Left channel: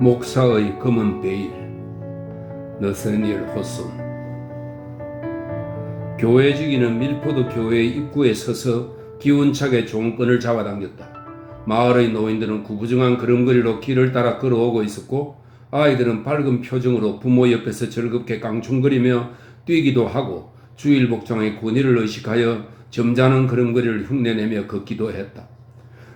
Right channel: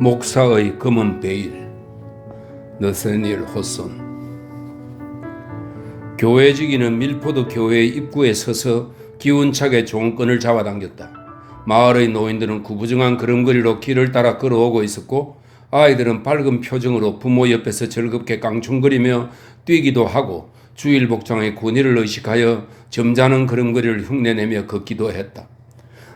목사의 검은 베일, 너서니엘 호손. 교회지기는 밀포드 교회 입구에 서서 기운차게 종끈을 잡아당겼다. 마을의 노인들은 구부정한 걸음걸이로 길을 따라 걸어오고 있었고, 아이들은 밝은 표정으로 부모 옆에서 즐겁게 깡충거리며 뛰기도 하고 주일 복장의 군의를 의식하여 점잖은 걸음걸이를 흉내내며 걷기도 했다.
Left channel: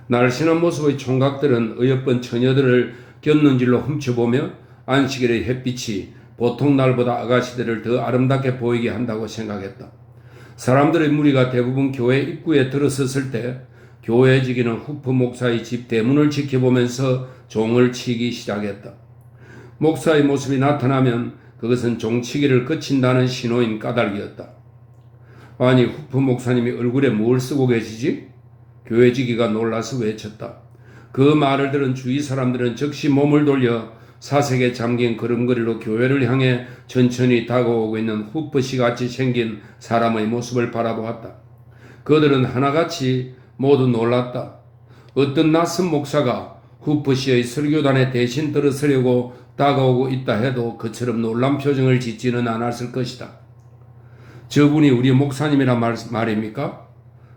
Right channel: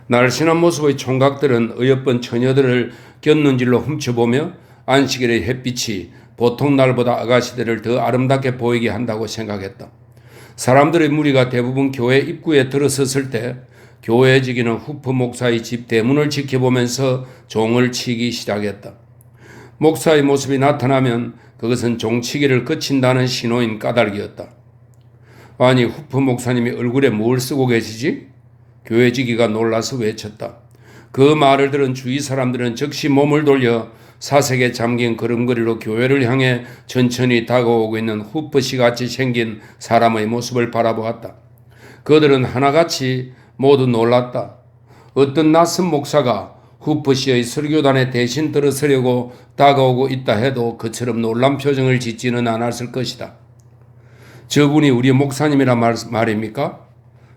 날씬한 모습의 총각들은 어여쁜 처녀들을 곁눈질로 훔쳐보며 안식일의 햇빛이 보통 날보다 아가씨들을 더 아름답게 보이게 한다고 생각했다. 사람들의 무리가 대부분 교회 입구에 들어섰을 때 교회지기는 후프 목사의 집 대문을 지켜보면서 종을 치기 시작했다. 목사의 모습이 나타나면 그것은 종치기를 그친다는 신호인 까닭이었다. 아니, 후프 목사님이 얼굴에 뭘 쓰고 계시지? 교회지기가 놀라서 외쳤다. 그 말을 들은 주위 사람들은 즉시 몸을 돌려 사색에 잠긴 걸음걸이로 교회를 향해 천천히 다가오고 있는 후프씨 같이 생긴 사람의 모습을 바라보았다. 그들은 하나같이 모두 놀랐다. 어떤 낯선 목사가 후프씨의 설교단에 대신 들어서려고 다가오고 있다 해도 그처럼 놀란 표정을 짓지는 않았을 것이다. 저분이 우리 목사님이라 말입니까?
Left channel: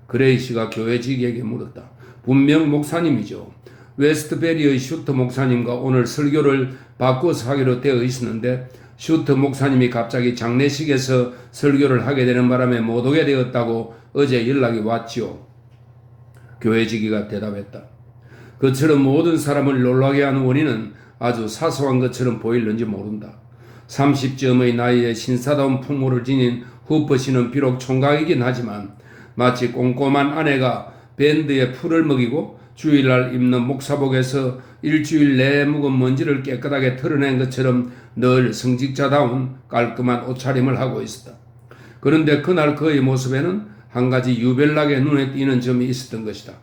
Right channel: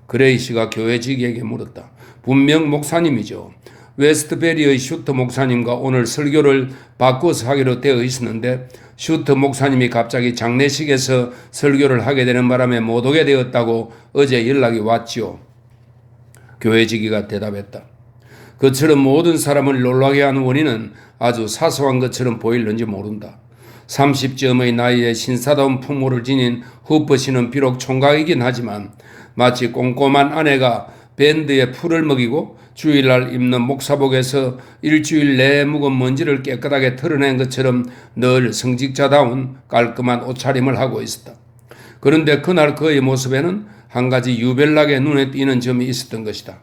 그레이시가 교회지기에게 물었다. 분명 목사님이죠. 웨스트베리의 슈터 목사님과 오늘 설교를 바꿔서 하기로 되어 있었는데 슈터 목사님이 갑자기 장례식에서 설교를 하게 되는 바람에 못 오게 되었다고 어제 연락이 왔지요. 교회지기가 대답했다. 그처럼 모든 사람을 놀라게 하는 원인은 아주 사소한 것처럼 보일는지 모른다. 30쯤의 나이에 신사다운 풍모를 지닌 후퍼씨는 비록 총각이긴 하지만 마치 꼼꼼한 아내가 밴드에 풀을 먹이고 주일날 입는 목사복에서 일주일 내에 묵은 먼지를 깨끗하게 털어낸 것처럼 늘 성직자다운 깔끔한 옷차림을 하고 있었다. 그런데 그날 그의 모습에는 한 가지 유별나게 눈에 띄는 점이 있었던 것이다.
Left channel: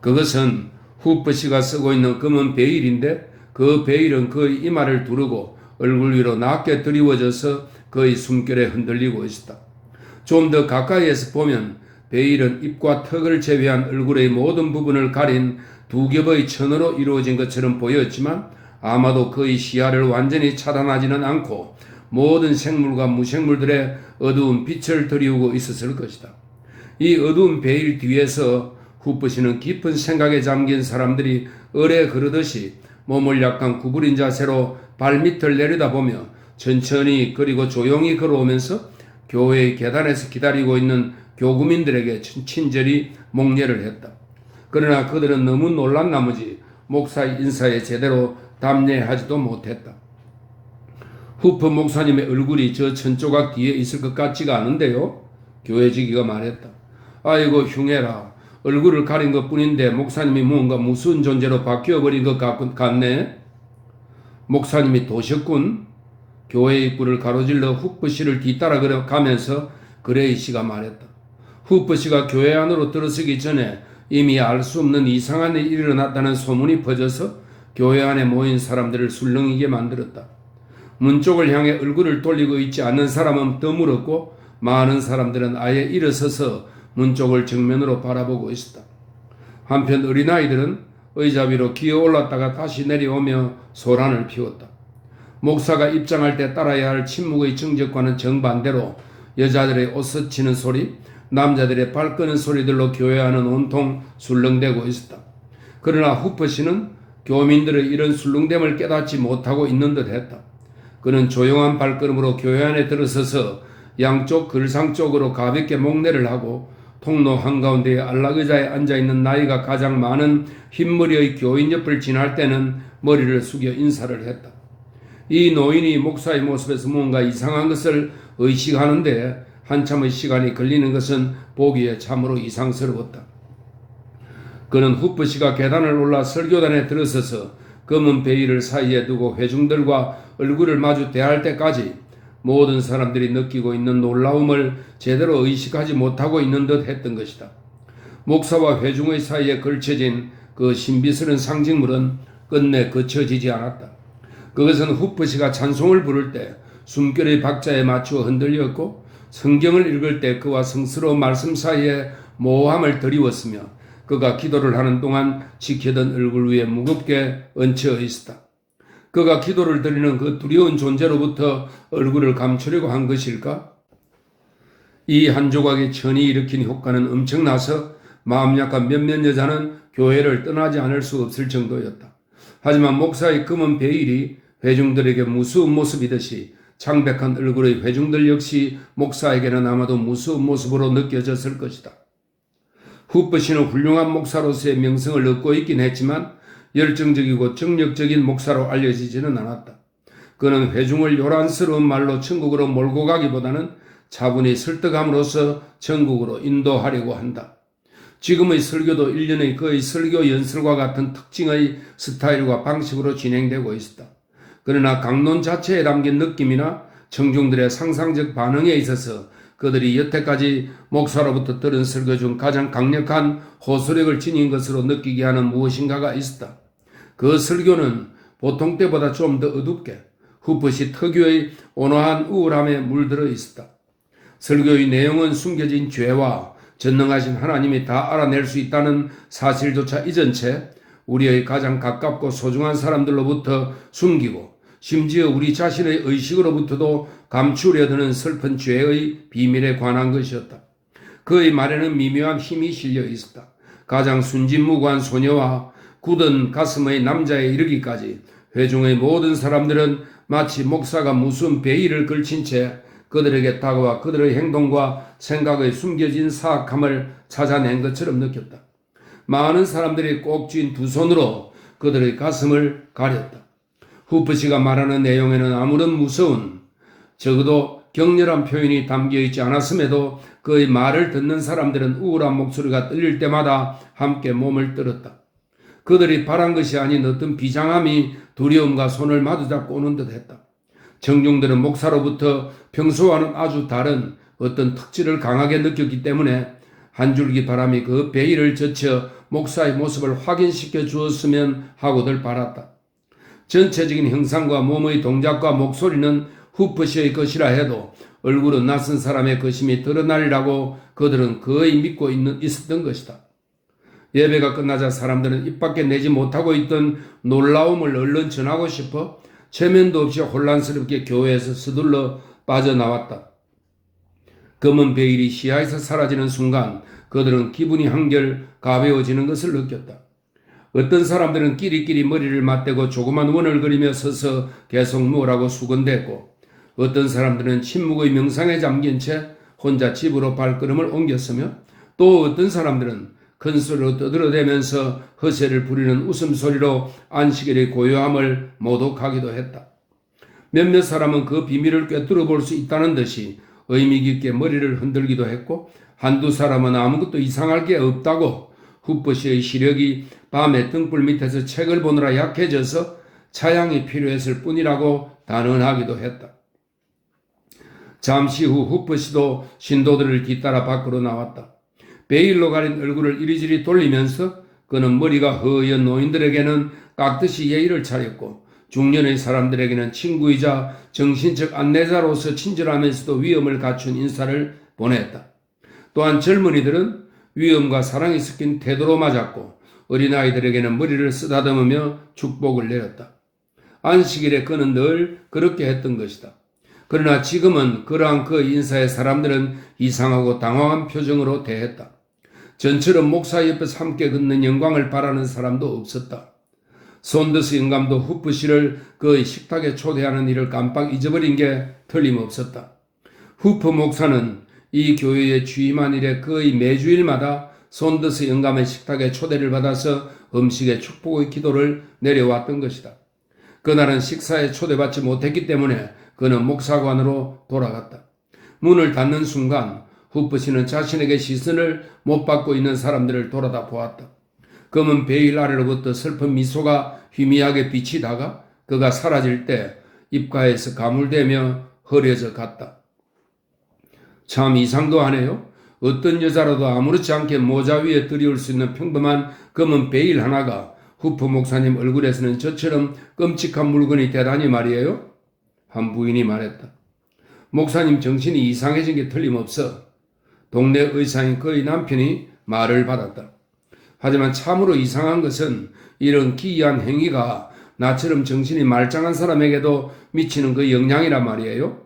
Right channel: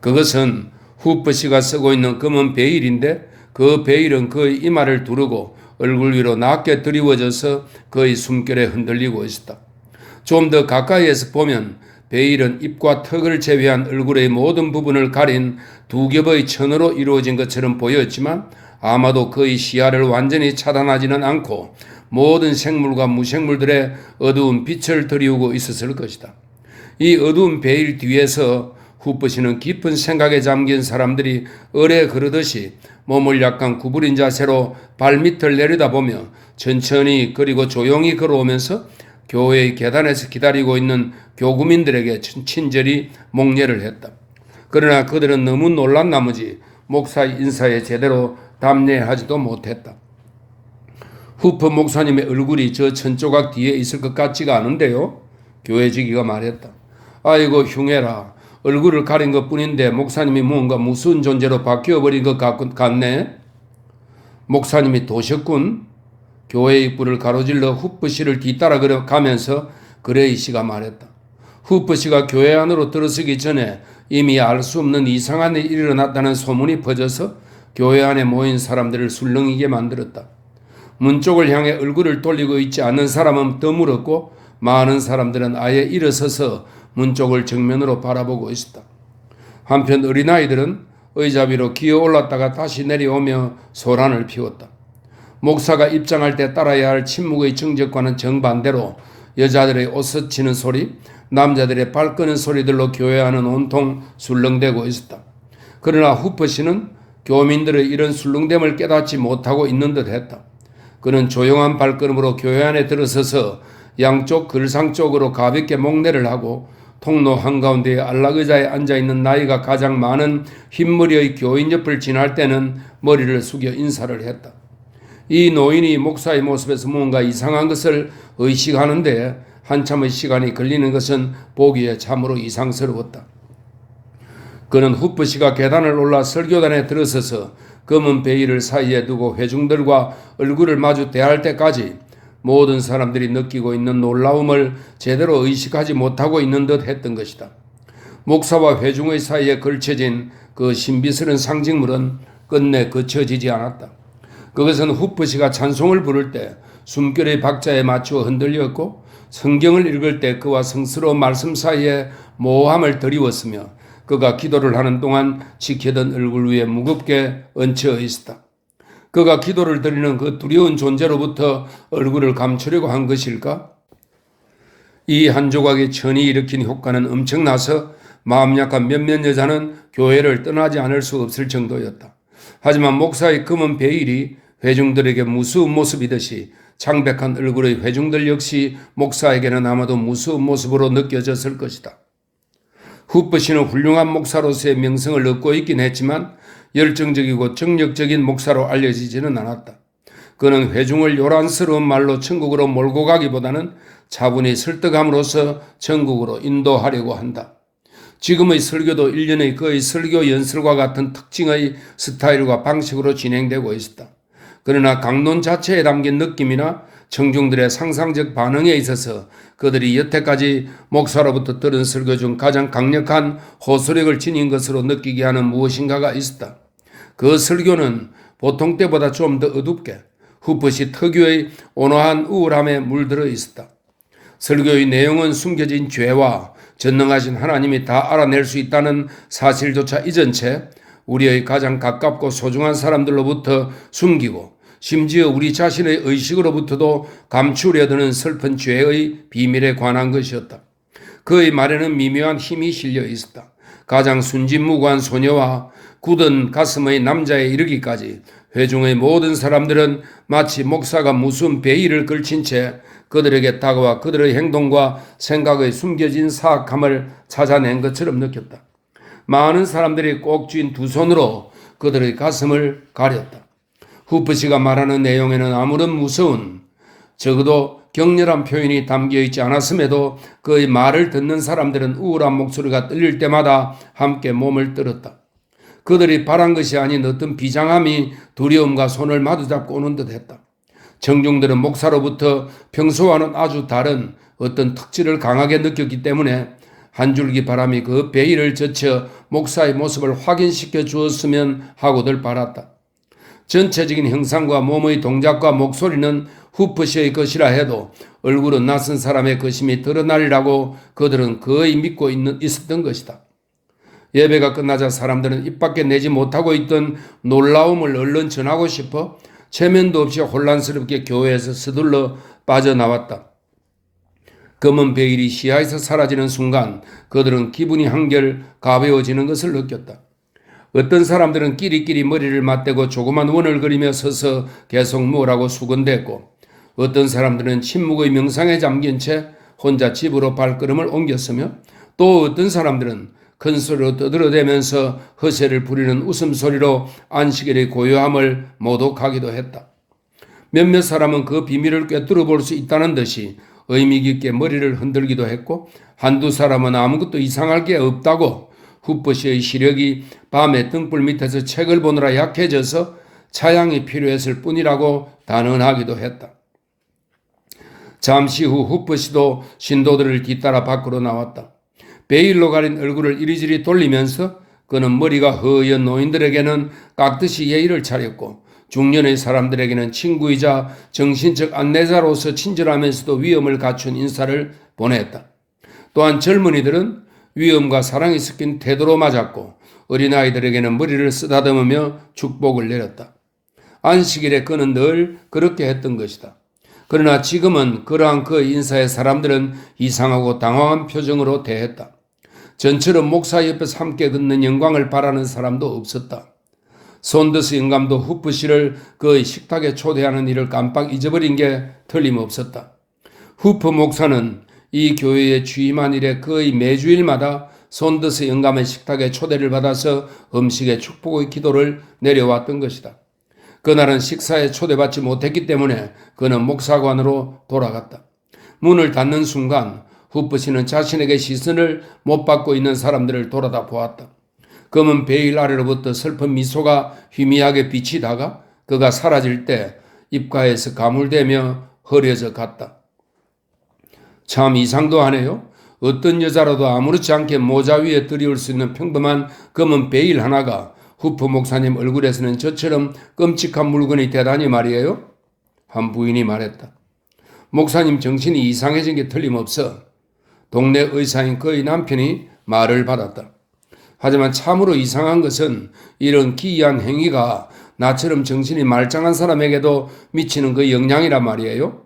그것은 후퍼씨가 쓰고 있는 검은 베일인데 그 베일은 그의 이마를 두르고 얼굴 위로 낮게 드리워져서 그의 숨결에 흔들리고 있었다. 좀 더 가까이에서 보면 베일은 입과 턱을 제외한 얼굴의 모든 부분을 가린 두 겹의 천으로 이루어진 것처럼 보였지만 아마도 그의 시야를 완전히 차단하지는 않고 모든 생물과 무생물들의 어두운 빛을 드리우고 있었을 것이다. 이 어두운 베일 뒤에서 후프씨는 깊은 생각에 잠긴 사람들이 어뢰 그르듯이 몸을 약간 구부린 자세로 발밑을 내려다보며 천천히 그리고 조용히 걸어오면서 교회의 계단에서 기다리고 있는 교구민들에게 친절히 목례를 했다. 그러나 그들은 너무 놀란 나머지 목사의 인사에 제대로 답례하지도 못했다. 후프 목사님의 얼굴이 저 천조각 뒤에 있을 것 같지가 않은데요? 교회지기가 말했다. 아이고 흉해라. 얼굴을 가린 것뿐인데 목사님이 뭔가 무서운 존재로 바뀌어버린 것 같네. 목사님이 도셨군. 교회 입구를 가로질러 후프씨를 뒤따라 가면서 그레이시가 말했다. 후프씨가 교회 안으로 들어서기 전에 이미 알 수 없는 이상한 일이 일어났다는 소문이 퍼져서 교회 안에 모인 사람들을 술렁이게 만들었다. 문 쪽을 향해 얼굴을 돌리고 있지 않는 사람은 드물었고 많은 사람들은 아예 일어서서 문 쪽을 정면으로 바라보고 있었다. 한편 어린아이들은 의자 위로 기어 올랐다가 다시 내려오며 소란을 피웠다. 목사가 입장할 때 따라야 할 침묵의 정적과는 정반대로 여자들의 옷 스치는 소리, 남자들의 발 끄는 소리들로 교회 안은 온통 술렁대고 있었다. 그러나 후퍼씨는 교민들의 이런 술렁댐을 깨닫지 못하고 있는 듯 했다. 그는 조용한 발걸음으로 교회 안에 들어서서 양쪽 글상 쪽으로 가볍게 목례를 하고 통로 한가운데에 안락의자에 앉아있는 나이가 가장 많은 흰머리의 교인 옆을 지날 때는 머리를 숙여 인사를 했다. 이 노인이 목사의 모습에서 뭔가 이상한 것을 의식하는데 한참의 시간이 걸리는 것은 보기에 참으로 이상스러웠다. 그는 후프씨가 계단을 올라 설교단에 들어서서 검은 베일을 사이에 두고 회중들과 얼굴을 마주 대할 때까지 모든 사람들이 느끼고 있는 놀라움을 제대로 의식하지 못하고 있는 듯 했던 것이다. 목사와 회중의 사이에 걸쳐진 그 신비스러운 상징물은 끝내 그쳐지지 않았다. 그것은 후프씨가 찬송을 부를 때 숨결의 박자에 맞추어 흔들렸고 성경을 읽을 때 그와 성스러운 말씀 사이에 모호함을 드리웠으며 그가 기도를 하는 동안 지켜던 얼굴 위에 무겁게 얹혀 있었다. 그가 기도를 드리는 그 두려운 존재로부터 얼굴을 감추려고 한 것일까? 이 한 조각의 천이 일으킨 효과는 엄청나서 마음 약한 몇몇 여자는 교회를 떠나지 않을 수 없을 정도였다. 하지만 목사의 검은 베일이 회중들에게 무서운 모습이듯이 창백한 얼굴의 회중들 역시 목사에게는 아마도 무서운 모습으로 느껴졌을 것이다. 후퍼 씨는 훌륭한 목사로서의 명성을 얻고 있긴 했지만 열정적이고 정력적인 목사로 알려지지는 않았다. 그는 회중을 요란스러운 말로 천국으로 몰고 가기보다는 차분히 설득함으로써 천국으로 인도하려고 한다. 지금의 설교도 일련의 그의 설교 연설과 같은 특징의 스타일과 방식으로 진행되고 있었다. 그러나 강론 자체에 담긴 느낌이나 청중들의 상상적 반응에 있어서 그들이 여태까지 목사로부터 들은 설교 중 가장 강력한 호소력을 지닌 것으로 느끼게 하는 무엇인가가 있었다. 그 설교는 보통 때보다 좀 더 어둡게 후퍼시 특유의 온화한 우울함에 물들어 있었다. 설교의 내용은 숨겨진 죄와 전능하신 하나님이 다 알아낼 수 있다는 사실조차 잊은 채 우리의 가장 가깝고 소중한 사람들로부터 숨기고 심지어 우리 자신의 의식으로부터도 감추려 드는 슬픈 죄의 비밀에 관한 것이었다. 그의 말에는 미묘한 힘이 실려 있었다. 가장 순진무구한 소녀와 굳은 가슴의 남자에 이르기까지 회중의 모든 사람들은 마치 목사가 무슨 베일을 걸친 채 그들에게 다가와 그들의 행동과 생각의 숨겨진 사악함을 찾아낸 것처럼 느꼈다. 많은 사람들이 꼭 쥔 두 손으로 그들의 가슴을 가렸다. 후퍼 씨가 말하는 내용에는 아무런 무서운, 적어도 격렬한 표현이 담겨있지 않았음에도 그의 말을 듣는 사람들은 우울한 목소리가 들릴 때마다 함께 몸을 떨었다. 그들이 바란 것이 아닌 어떤 비장함이 두려움과 손을 마주잡고 오는 듯 했다. 청중들은 목사로부터 평소와는 아주 다른 어떤 특질을 강하게 느꼈기 때문에 한 줄기 바람이 그 베일을 젖혀 목사의 모습을 확인시켜 주었으면 하고들 바랐다. 전체적인 형상과 몸의 동작과 목소리는 후퍼 씨의 것이라 해도 얼굴은 낯선 사람의 것임이 드러나리라고 그들은 거의 믿고 있었던 것이다. 예배가 끝나자 사람들은 입 밖에 내지 못하고 있던 놀라움을 얼른 전하고 싶어 체면도 없이 혼란스럽게 교회에서 서둘러 빠져나왔다. 검은 베일이 시야에서 사라지는 순간 그들은 기분이 한결 가벼워지는 것을 느꼈다. 어떤 사람들은 끼리끼리 머리를 맞대고 조그만 원을 그리며 서서 계속 뭐라고 수건댔고 어떤 사람들은 침묵의 명상에 잠긴 채 혼자 집으로 발걸음을 옮겼으며 또 어떤 사람들은 큰 소리로 떠들어대면서 허세를 부리는 웃음소리로 안식일의 고요함을 모독하기도 했다. 몇몇 사람은 그 비밀을 꿰뚫어 볼 수 있다는 듯이 의미 깊게 머리를 흔들기도 했고 한두 사람은 아무것도 이상할 게 없다고 후퍼 씨의 시력이 밤에 등불 밑에서 책을 보느라 약해져서 차양이 필요했을 뿐이라고 단언하기도 했다. 잠시 후 후퍼 씨도 신도들을 뒤따라 밖으로 나왔다. 베일로 가린 얼굴을 이리저리 돌리면서 그는 머리가 허연 노인들에게는 깍듯이 예의를 차렸고 중년의 사람들에게는 친구이자 정신적 안내자로서 친절하면서도 위엄을 갖춘 인사를 보냈다. 또한 젊은이들은 위엄과 사랑이 섞인 태도로 맞았고 어린아이들에게는 머리를 쓰다듬으며 축복을 내렸다. 안식일에 그는 늘 그렇게 했던 것이다. 그러나 지금은 그러한 그 인사에 사람들은 이상하고 당황한 표정으로 대했다. 전처럼 목사 옆에서 함께 걷는 영광을 바라는 사람도 없었다. 손더스 영감도 후퍼 씨를 그 식탁에 초대하는 일을 깜빡 잊어버린 게 틀림없었다. 후퍼 목사는 이 교회에 취임한 이래 거의 매주일마다 손더스 영감의 식탁에 초대를 받아서 음식의 축복의 기도를 내려왔던 것이다. 그날은 식사에 초대받지 못했기 때문에 그는 목사관으로 돌아갔다. 문을 닫는 순간 후퍼 씨는 자신에게 시선을 못 받고 있는 사람들을 돌아다 보았다. 검은 베일 아래로부터 슬픈 미소가 희미하게 비치다가 그가 사라질 때 입가에서 가물대며 흐려져 갔다. 참 이상도 하네요. 어떤 여자라도 아무렇지 않게 모자 위에 들이올 수 있는 평범한 검은 베일 하나가 후퍼 목사님 얼굴에서는 저처럼 끔찍한 물건이 되다니 말이에요. 한 부인이 말했다. 목사님 정신이 이상해진 게 틀림없어. 동네 의사인 그의 남편이 말을 받았다. 하지만 참으로 이상한 것은 이런 기이한 행위가 나처럼 정신이 말짱한 사람에게도 미치는 그 영향이란 말이에요.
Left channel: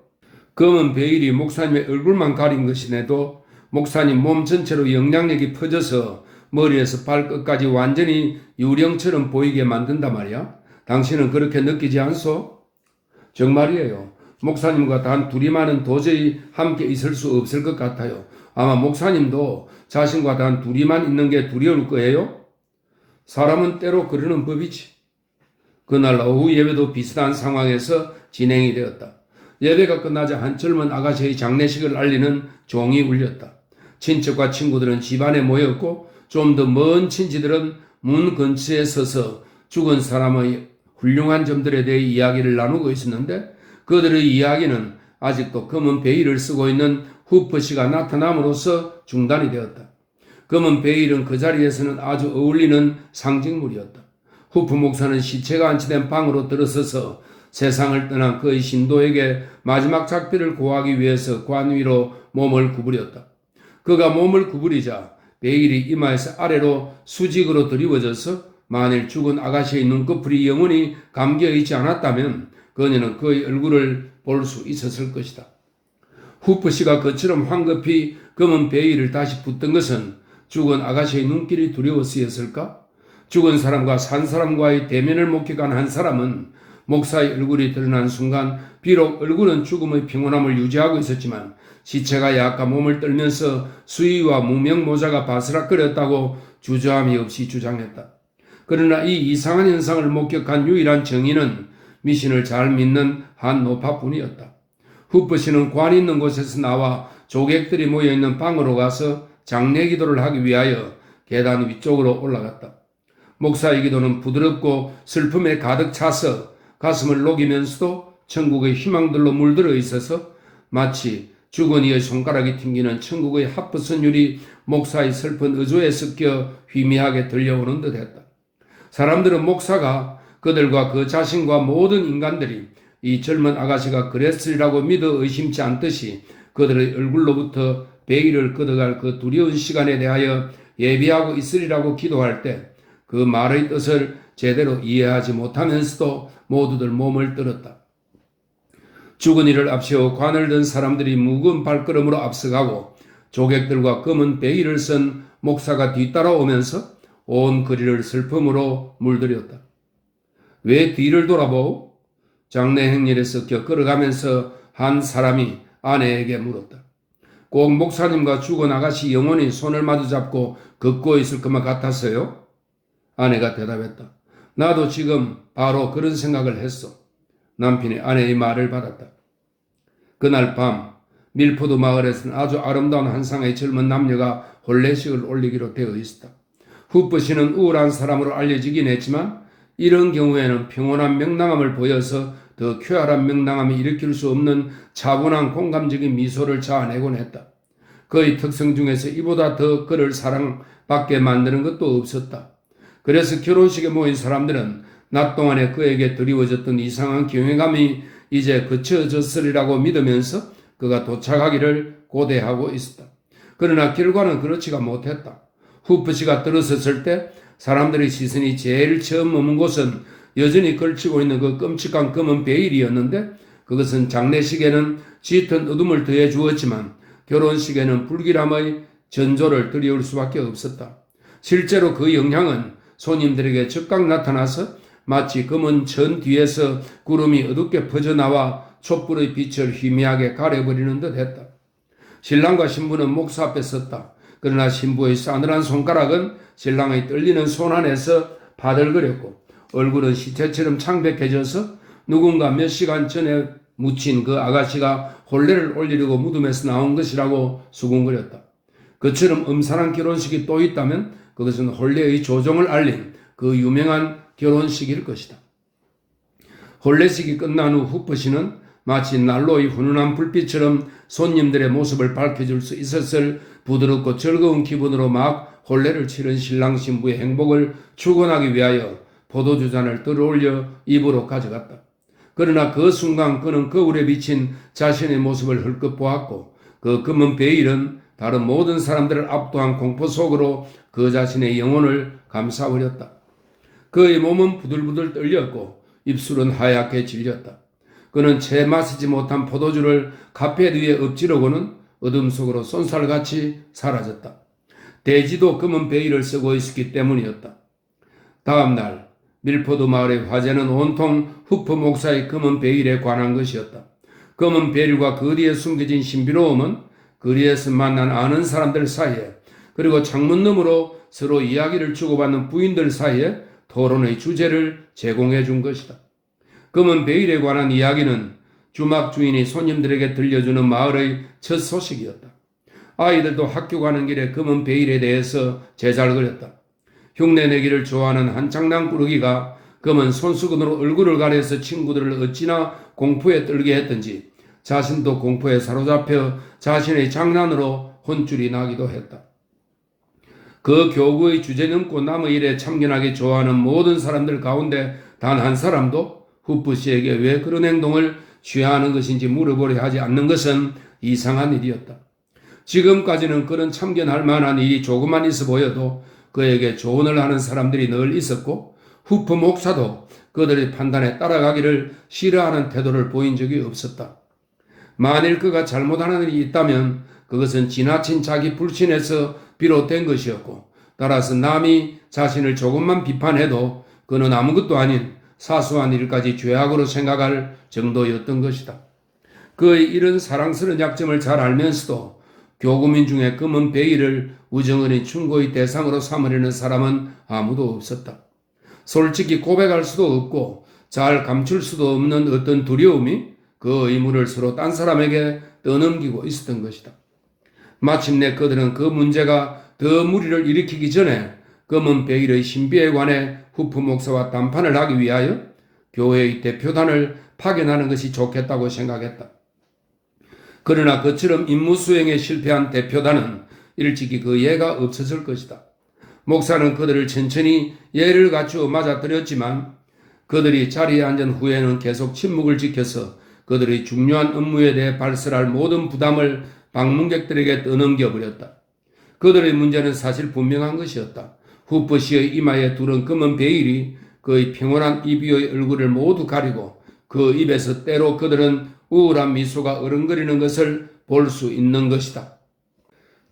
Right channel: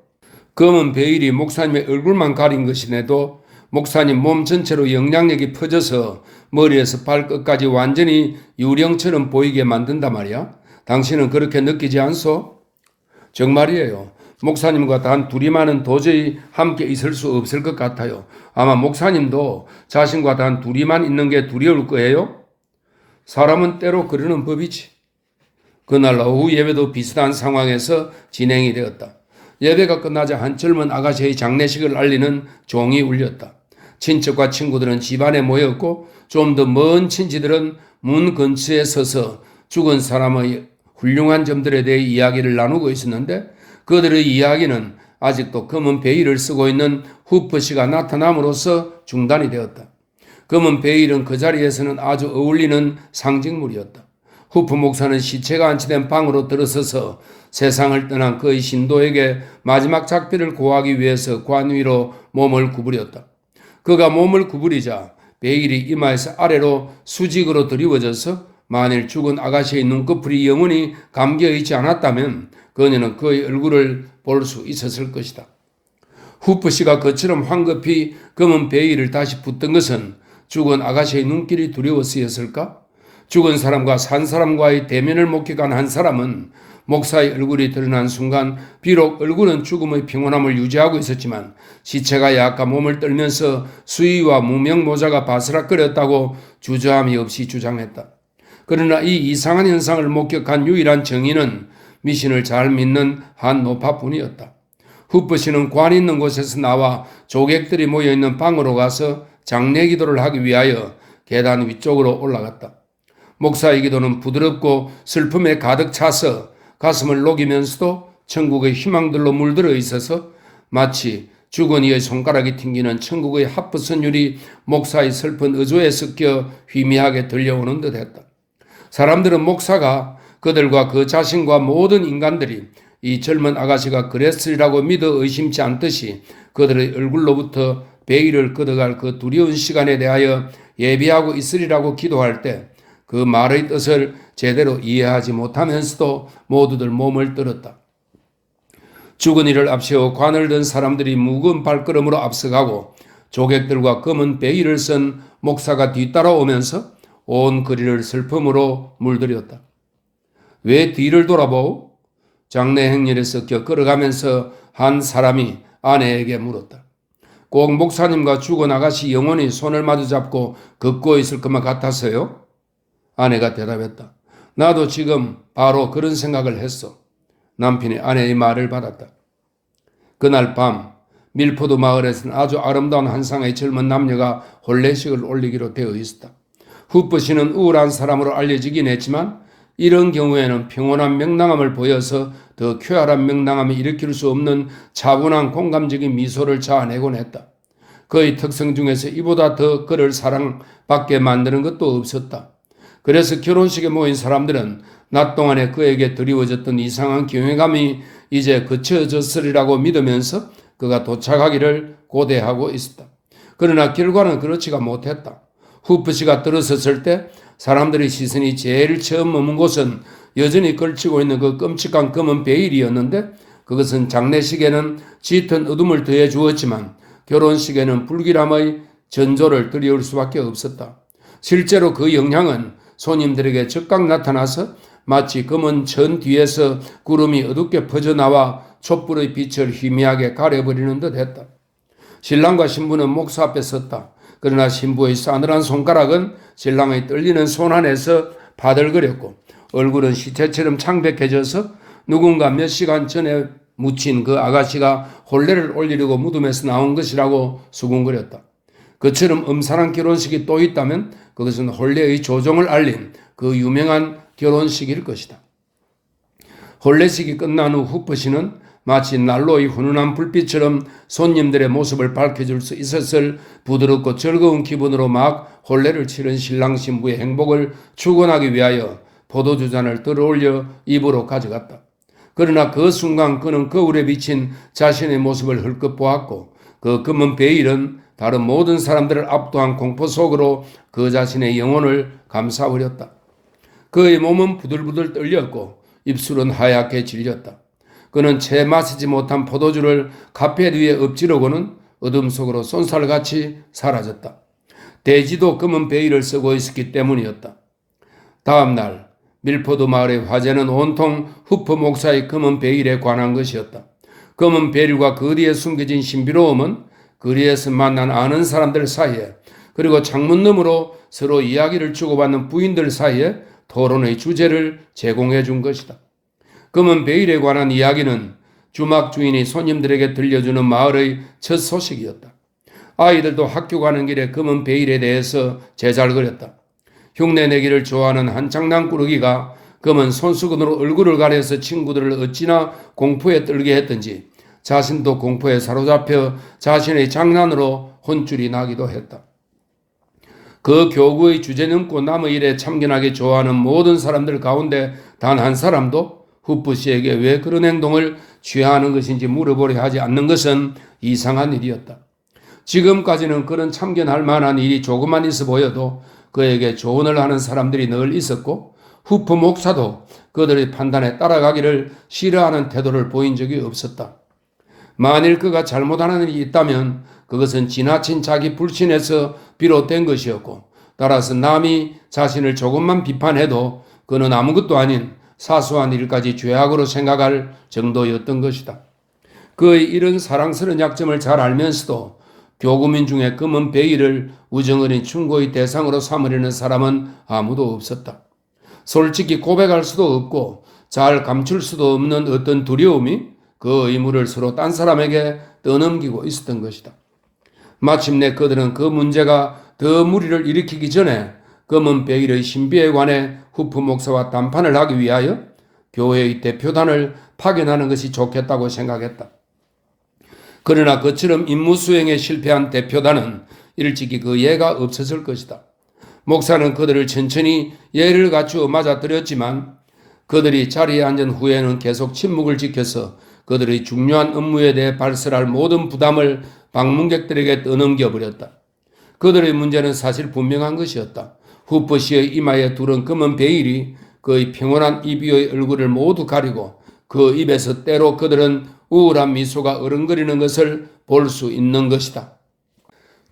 검은 베일이 목사님의 얼굴만 가린 것이네도 목사님 몸 전체로 영향력이 퍼져서 머리에서 발끝까지 완전히 유령처럼 보이게 만든단 말이야. 당신은 그렇게 느끼지 않소? 정말이에요. 목사님과 단 둘이만은 도저히 함께 있을 수 없을 것 같아요. 아마 목사님도 자신과 단 둘이만 있는 게 두려울 거예요. 사람은 때로 그러는 법이지. 그날 오후 예배도 비슷한 상황에서 진행이 되었다. 예배가 끝나자 한 젊은 아가씨의 장례식을 알리는 종이 울렸다. 친척과 친구들은 집안에 모였고 좀 더 먼 친지들은 문 근처에 서서 죽은 사람의 훌륭한 점들에 대해 이야기를 나누고 있었는데 그들의 이야기는 아직도 검은 베일을 쓰고 있는 후퍼 씨가 나타남으로써 중단이 되었다. 검은 베일은 그 자리에서는 아주 어울리는 상징물이었다. 후퍼 목사는 시체가 안치된 방으로 들어서서 세상을 떠난 그의 신도에게 마지막 작별을 고하기 위해서 관 위로 몸을 구부렸다. 그가 몸을 구부리자 베일이 이마에서 아래로 수직으로 드리워져서 만일 죽은 아가씨의 눈꺼풀이 영원히 감겨있지 않았다면 그녀는 그의 얼굴을 볼 수 있었을 것이다. 후퍼 씨가 그처럼 황급히 검은 베일을 다시 붙던 것은 죽은 아가씨의 눈길이 두려워서였을까? 죽은 사람과 산 사람과의 대면을 목격한 한 사람은 목사의 얼굴이 드러난 순간 비록 얼굴은 죽음의 평온함을 유지하고 있었지만 시체가 약간 몸을 떨면서 수의와 무명 모자가 바스락거렸다고 주저함이 없이 주장했다. 그러나 이 이상한 현상을 목격한 유일한 정인은 미신을 잘 믿는 한 노파뿐이었다. 후퍼 씨는 관 있는 곳에서 나와 조객들이 모여있는 방으로 가서 장례 기도를 하기 위하여 계단 위쪽으로 올라갔다. 목사의 기도는 부드럽고 슬픔에 가득 차서 가슴을 녹이면서도 천국의 희망들로 물들어 있어서 마치 죽은 이의 손가락이 튕기는 천국의 하프 선율이 목사의 슬픈 의조에 섞여 희미하게 들려오는 듯했다. 사람들은 목사가 그들과 그 자신과 모든 인간들이 이 젊은 아가씨가 그랬으리라고 믿어 의심치 않듯이 그들의 얼굴로부터 베일을 걷어갈 그 두려운 시간에 대하여 예비하고 있으리라고 기도할 때 그 말의 뜻을 제대로 이해하지 못하면서도 모두들 몸을 떨었다. 죽은 이를 앞세워 관을 든 사람들이 무거운 발걸음으로 앞서가고 조객들과 검은 베일을 쓴 목사가 뒤따라오면서 온 거리를 슬픔으로 물들였다. 왜 뒤를 돌아보오? 장례 행렬에 섞여 걸어가면서 한 사람이 아내에게 물었다. 꼭 목사님과 죽은 아가씨 영혼이 손을 마주잡고 걷고 있을 것만 같아서요? 아내가 대답했다. 나도 지금 바로 그런 생각을 했어. 남편이 아내의 말을 받았다. 그날 밤 밀포드 마을에서는 아주 아름다운 한 쌍의 젊은 남녀가 혼례식을 올리기로 되어 있었다. 후퍼 씨는 우울한 사람으로 알려지긴 했지만 이런 경우에는 평온한 명랑함을 보여서 더 쾌활한 명랑함을 일으킬 수 없는 차분한 공감적인 미소를 자아내곤 했다. 그의 특성 중에서 이보다 더 그를 사랑받게 만드는 것도 없었다. 그래서 결혼식에 모인 사람들은 낮 동안에 그에게 드리워졌던 이상한 경외감이 이제 그쳐졌으리라고 믿으면서 그가 도착하기를 고대하고 있었다. 그러나 결과는 그렇지가 못했다. 후퍼 씨가 들어섰을 때 사람들의 시선이 제일 처음 머문 곳은 여전히 걸치고 있는 그 끔찍한 검은 베일이었는데 그것은 장례식에는 짙은 어둠을 더해 주었지만 결혼식에는 불길함의 전조를 드리울 수밖에 없었다. 실제로 그 영향은 손님들에게 즉각 나타나서 마치 검은 천 뒤에서 구름이 어둡게 퍼져나와 촛불의 빛을 희미하게 가려버리는 듯 했다. 신랑과 신부는 목사 앞에 섰다. 그러나 신부의 싸늘한 손가락은 신랑의 떨리는 손 안에서 바들거렸고 얼굴은 시체처럼 창백해져서 누군가 몇 시간 전에 묻힌 그 아가씨가 혼례를 올리려고 무덤에서 나온 것이라고 수군거렸다. 그처럼 음산한 결혼식이 또 있다면 그것은 혼례의 조종을 알린 그 유명한 결혼식일 것이다. 혼례식이 끝난 후 후퍼 씨는 마치 난로의 훈훈한 불빛처럼 손님들의 모습을 밝혀줄 수 있었을 부드럽고 즐거운 기분으로 막 혼례를 치른 신랑 신부의 행복을 축원하기 위하여 포도주 잔을 들어올려 입으로 가져갔다. 그러나 그 순간 그는 거울에 비친 자신의 모습을 헐끗 보았고 그 검은 베일은 다른 모든 사람들을 압도한 공포 속으로 그 자신의 영혼을 감싸버렸다. 그의 몸은 부들부들 떨렸고 입술은 하얗게 질렸다. 그는 채 마시지 못한 포도주를 카펫 위에 엎지르고는 어둠 속으로 쏜살같이 사라졌다. 돼지도 검은 베일을 쓰고 있었기 때문이었다. 다음 날 밀포드 마을의 화제는 온통 후프 목사의 검은 베일에 관한 것이었다. 검은 베일과 그 뒤에 숨겨진 신비로움은 거리에서 만난 아는 사람들 사이에 그리고 창문 너머로 서로 이야기를 주고받는 부인들 사이에 토론의 주제를 제공해 준 것이다. 검은 베일에 관한 이야기는 주막 주인이 손님들에게 들려주는 마을의 첫 소식이었다. 아이들도 학교 가는 길에 검은 베일에 대해서 제잘거렸다. 흉내내기를 좋아하는 한 장난꾸러기가 검은 손수건으로 얼굴을 가려서 친구들을 어찌나 공포에 떨게 했던지 자신도 공포에 사로잡혀 자신의 장난으로 혼쭐이 나기도 했다. 그 교구의 주제 넘고 남의 일에 참견하기 좋아하는 모든 사람들 가운데 단 한 사람도 후프 씨에게 왜 그런 행동을 취해야 하는 것인지 물어보려 하지 않는 것은 이상한 일이었다. 지금까지는 그런 참견할 만한 일이 조금만 있어 보여도 그에게 조언을 하는 사람들이 늘 있었고 후프 목사도 그들의 판단에 따라가기를 싫어하는 태도를 보인 적이 없었다. 만일 그가 잘못하는 일이 있다면 그것은 지나친 자기 불신에서 비롯된 것이었고 따라서 남이 자신을 조금만 비판해도 그는 아무것도 아닌 사소한 일까지 죄악으로 생각할 정도였던 것이다. 그의 이런 사랑스러운 약점을 잘 알면서도 교구민 중에 검은 베일을 우정어린 충고의 대상으로 삼으려는 사람은 아무도 없었다. 솔직히 고백할 수도 없고 잘 감출 수도 없는 어떤 두려움이 그 의무를 서로 딴 사람에게 떠넘기고 있었던 것이다. 마침내 그들은 그 문제가 더 무리를 일으키기 전에 검은 베일의 신비에 관해 후프 목사와談판을 하기 위하여 교회의 대표단을 파견하는 것이 좋겠다고 생각했다. 그러나 그처럼 임무 수행에 실패한 대표단은 일찍이 그 예가 없어질 것이다. 목사는 그들을 천천히 예를 갖추어 맞아들였지만 그들이 자리에 앉은 후에는 계속 침묵을 지켜서 그들의 중요한 업무에 대해 발설할 모든 부담을 방문객들에게 떠넘겨버렸다. 그들의 문제는 사실 분명한 것이었다. 후프 씨의 이마에 두른 검은 베일이 그의 평온한 입 위의 얼굴을 모두 가리고 그 입에서 때로 그들은 우울한 미소가 어른거리는 것을 볼 수 있는 것이다.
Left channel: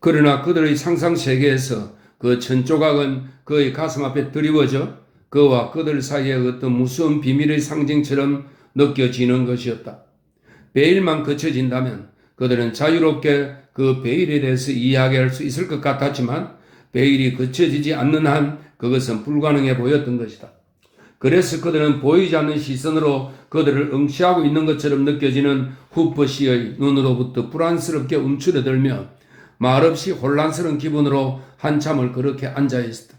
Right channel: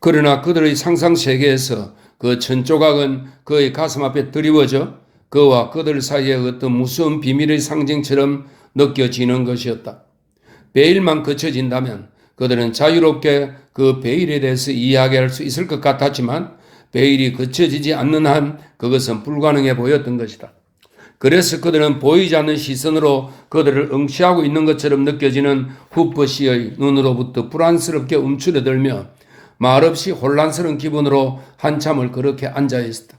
그러나 그들의 상상세계에서 그 천조각은 그의 가슴 앞에 드리워져 그와 그들 사이의 어떤 무서운 비밀의 상징처럼 느껴지는 것이었다. 베일만 거쳐진다면 그들은 자유롭게 그 베일에 대해서 이야기할 수 있을 것 같았지만 베일이 거쳐지지 않는 한 그것은 불가능해 보였던 것이다. 그래서 그들은 보이지 않는 시선으로 그들을 응시하고 있는 것처럼 느껴지는 후프 씨의 눈으로부터 불안스럽게 움츠러들며 말없이 혼란스러운 기분으로 한참을 그렇게 앉아 있었다.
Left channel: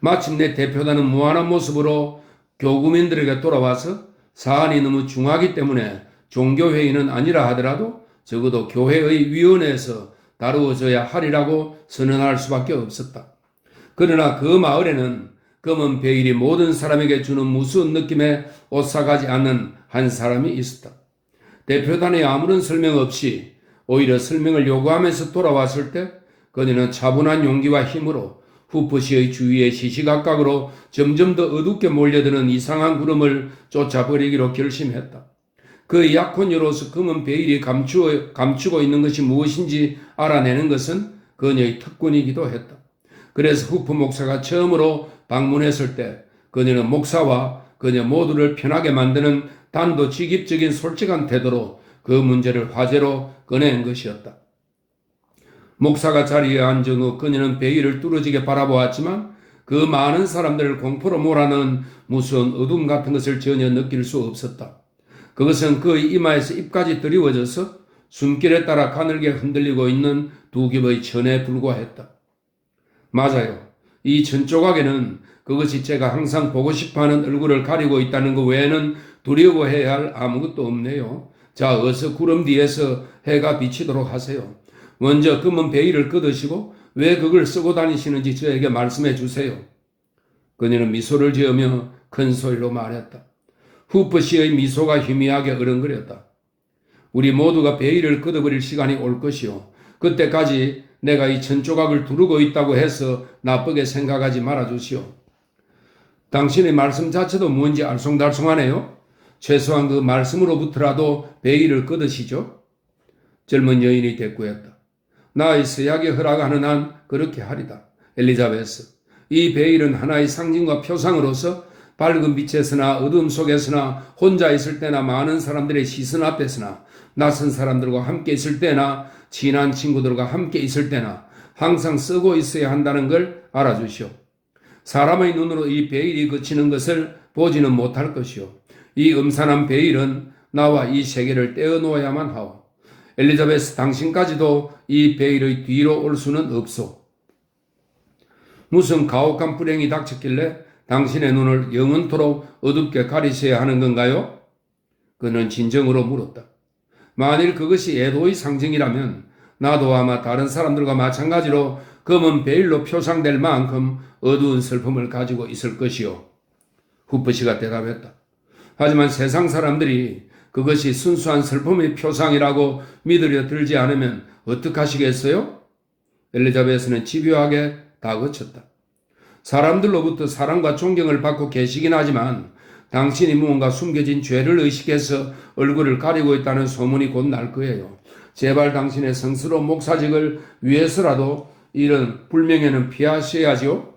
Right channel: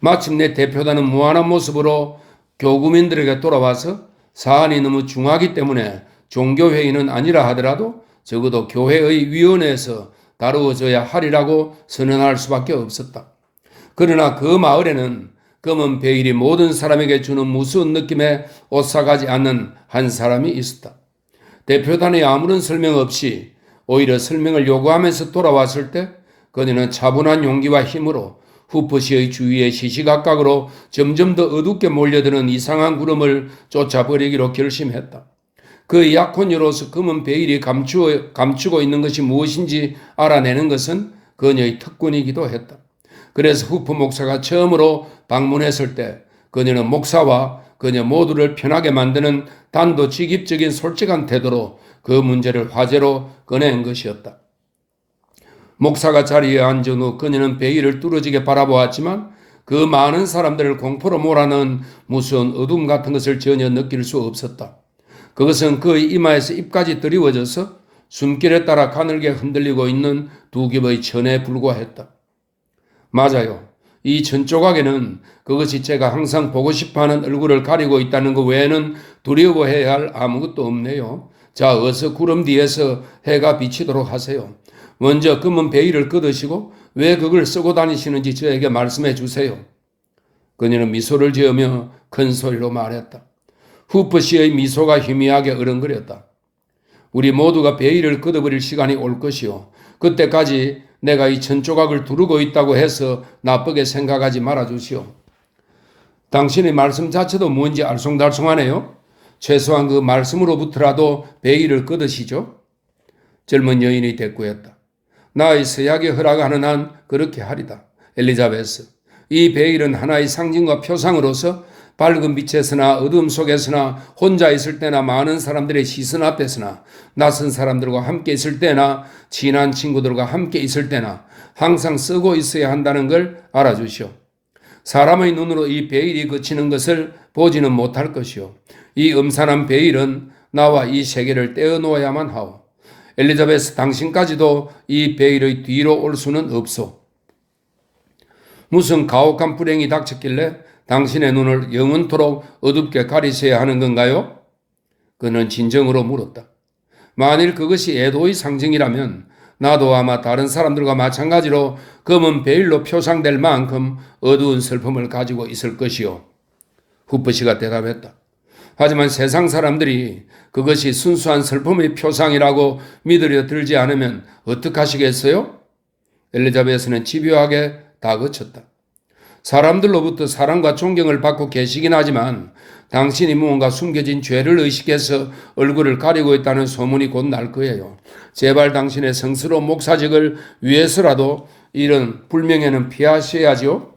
마침내 대표단은 무한한 모습으로 교구민들에게 돌아와서 사안이 너무 중하기 때문에 종교회의는 아니라 하더라도 적어도 교회의 위원회에서 다루어져야 하리라고 선언할 수밖에 없었다. 그러나 그 마을에는 검은 베일이 모든 사람에게 주는 무서운 느낌에 오싹하지 않는 한 사람이 있었다. 대표단의 아무런 설명 없이 오히려 설명을 요구하면서 돌아왔을 때 그녀는 차분한 용기와 힘으로 후프 씨의 주위에 시시각각으로 점점 더 어둡게 몰려드는 이상한 구름을 쫓아버리기로 결심했다. 그 약혼녀로서 검은 베일이 감추고 있는 것이 무엇인지 알아내는 것은 그녀의 특권이기도 했다. 그래서 후프 목사가 처음으로 방문했을 때 그녀는 목사와 그녀 모두를 편하게 만드는 단도직입적인 솔직한 태도로 그 문제를 화제로 꺼낸 것이었다. 목사가 자리에 앉은 후 그녀는 베일을 뚫어지게 바라보았지만 그 많은 사람들을 공포로 몰아넣은 무서운 어둠 같은 것을 전혀 느낄 수 없었다. 그것은 그의 이마에서 입까지 드리워져서 숨길에 따라 가늘게 흔들리고 있는 두 겹의 천에 불과했다. 맞아요. 이 천조각에는 그것이 제가 항상 보고 싶어하는 얼굴을 가리고 있다는 것 외에는 두려워해야 할 아무것도 없네요. 자, 어서 구름 뒤에서 해가 비치도록 하세요. 먼저 검은 베일을 걷으시고 왜 그걸 쓰고 다니시는지 저에게 말씀해 주세요. 그녀는 미소를 지으며 큰 소리로 말했다. 후프 씨의 미소가 희미하게 어른거렸다. 우리 모두가 베일을 걷어버릴 시간이 올 것이요. 그때까지 내가 이 천조각을 두르고 있다고 해서 나쁘게 생각하지 말아주시오. 당신의 말씀 자체도 뭔지 알쏭달쏭하네요. 최소한 그 말씀으로부터라도 베일을 끄으시죠. 젊은 여인이 대꾸했다. 나의 서약에 허락하는 한 그렇게 하리다. 엘리자베스, 이 베일은 하나의 상징과 표상으로서 밝은 빛에서나 어둠 속에서나 혼자 있을 때나 많은 사람들의 시선 앞에서나 낯선 사람들과 함께 있을 때나 친한 친구들과 함께 있을 때나 항상 쓰고 있어야 한다는 걸 알아주시오. 사람의 눈으로 이 베일이 그치는 것을 보지는 못할 것이오. 이 음산한 베일은 나와 이 세계를 떼어놓아야만 하오. 엘리자베스, 당신까지도 이 베일의 뒤로 올 수는 없소. 무슨 가혹한 불행이 닥쳤길래 당신의 눈을 영원토록 어둡게 가리셔야 하는 건가요? 그는 진정으로 물었다. 만일 그것이 애도의 상징이라면 나도 아마 다른 사람들과 마찬가지로 검은 베일로 표상될 만큼 어두운 슬픔을 가지고 있을 것이요. 후프시가 대답했다. 하지만 세상 사람들이 그것이 순수한 슬픔의 표상이라고 믿으려 들지 않으면 어떡하시겠어요? 엘리자베스는 집요하게 다그쳤다. 사람들로부터 사랑과 존경을 받고 계시긴 하지만 당신이 무언가 숨겨진 죄를 의식해서 얼굴을 가리고 있다는 소문이 곧 날 거예요. 제발 당신의 성스러운 목사직을 위해서라도 이런 불명예는 피하셔야죠.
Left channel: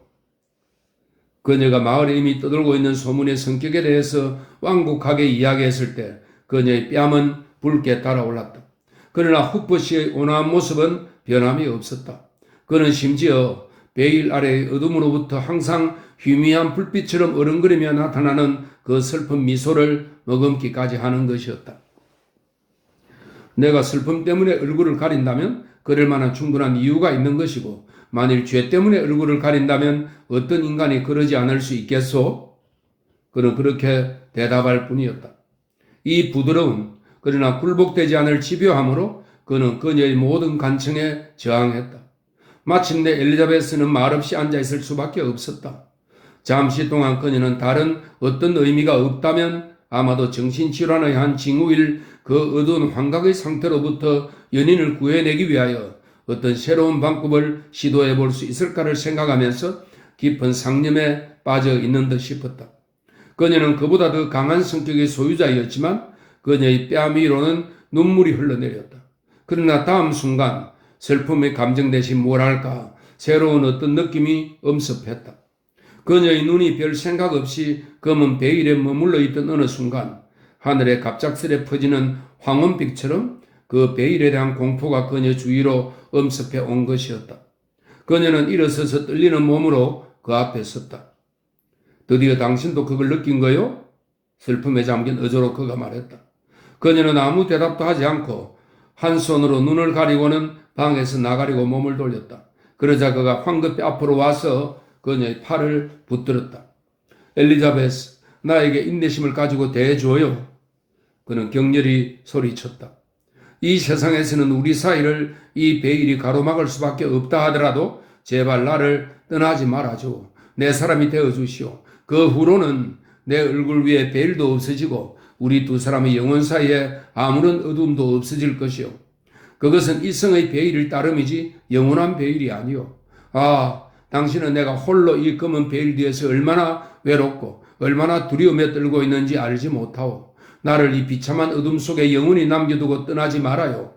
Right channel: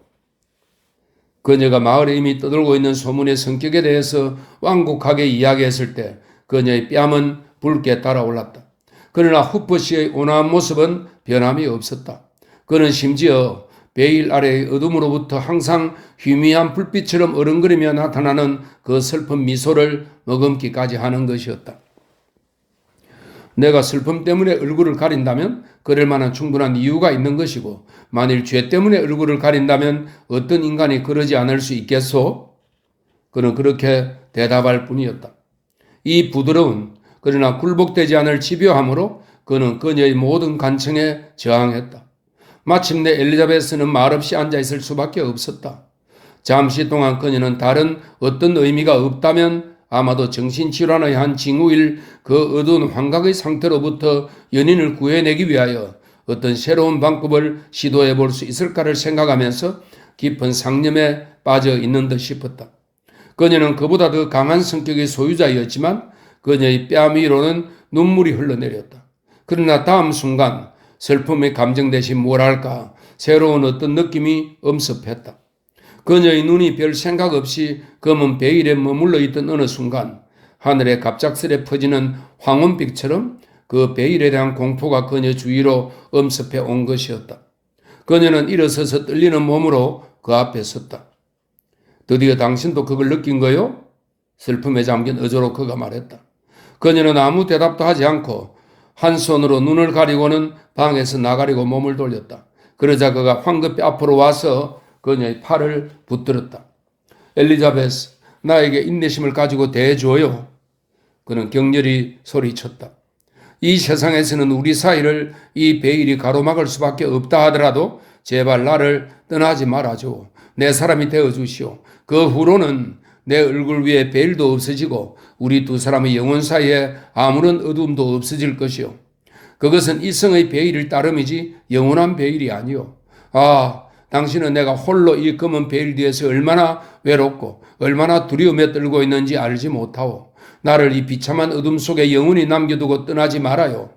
그녀가 마을에 이미 떠돌고 있는 소문의 성격에 대해서 완곡하게 이야기했을 때 그녀의 뺨은 붉게 달아올랐다. 그러나 후프시의 온화한 모습은 변함이 없었다. 그는 심지어 베일 아래의 어둠으로부터 항상 희미한 불빛처럼 어른거리며 나타나는 그 슬픈 미소를 머금기까지 하는 것이었다. 내가 슬픔 때문에 얼굴을 가린다면 그럴 만한 충분한 이유가 있는 것이고 만일 죄 때문에 얼굴을 가린다면 어떤 인간이 그러지 않을 수 있겠소? 그는 그렇게 대답할 뿐이었다. 이 부드러운 그러나 굴복되지 않을 집요함으로 그는 그녀의 모든 간청에 저항했다. 마침내 엘리자베스는 말없이 앉아있을 수밖에 없었다. 잠시 동안 그녀는 다른 어떤 의미가 없다면 아마도 정신질환의 한 징후일 그 어두운 환각의 상태로부터 연인을 구해내기 위하여 어떤 새로운 방법을 시도해 볼 수 있을까를 생각하면서 깊은 상념에 빠져 있는 듯 싶었다. 그녀는 그보다 더 강한 성격의 소유자였지만 그녀의 뺨 위로는 눈물이 흘러내렸다. 그러나 다음 순간 슬픔의 감정 대신 뭐랄까 새로운 어떤 느낌이 엄습했다. 그녀의 눈이 별 생각 없이 검은 베일에 머물러 있던 어느 순간 하늘에 갑작스레 퍼지는 황혼빛처럼 그 베일에 대한 공포가 그녀 주위로 엄습해 온 것이었다. 그녀는 일어서서 떨리는 몸으로 그 앞에 섰다. 드디어 당신도 그걸 느낀 거요? 슬픔에 잠긴 어조로 그가 말했다. 그녀는 아무 대답도 하지 않고 한 손으로 눈을 가리고는 방에서 나가려고 몸을 돌렸다. 그러자 그가 황급히 앞으로 와서 그녀의 팔을 붙들었다. 엘리자베스, 나에게 인내심을 가지고 대해줘요. 그는 격렬히 소리쳤다. 이 세상에서는 우리 사이를 이 베일이 가로막을 수밖에 없다 하더라도 제발 나를 떠나지 말아줘. 내 사람이 되어주시오. 그 후로는 내 얼굴 위에 베일도 없어지고 우리 두 사람의 영혼 사이에 아무런 어둠도 없어질 것이오. 그것은 이성의 베일일 따름이지 영원한 베일이 아니오. 아, 당신은 내가 홀로 이 검은 베일 뒤에서 얼마나 외롭고 얼마나 두려움에 떨고 있는지 알지 못하오. 나를 이 비참한 어둠 속에 영원히 남겨두고 떠나지 말아요.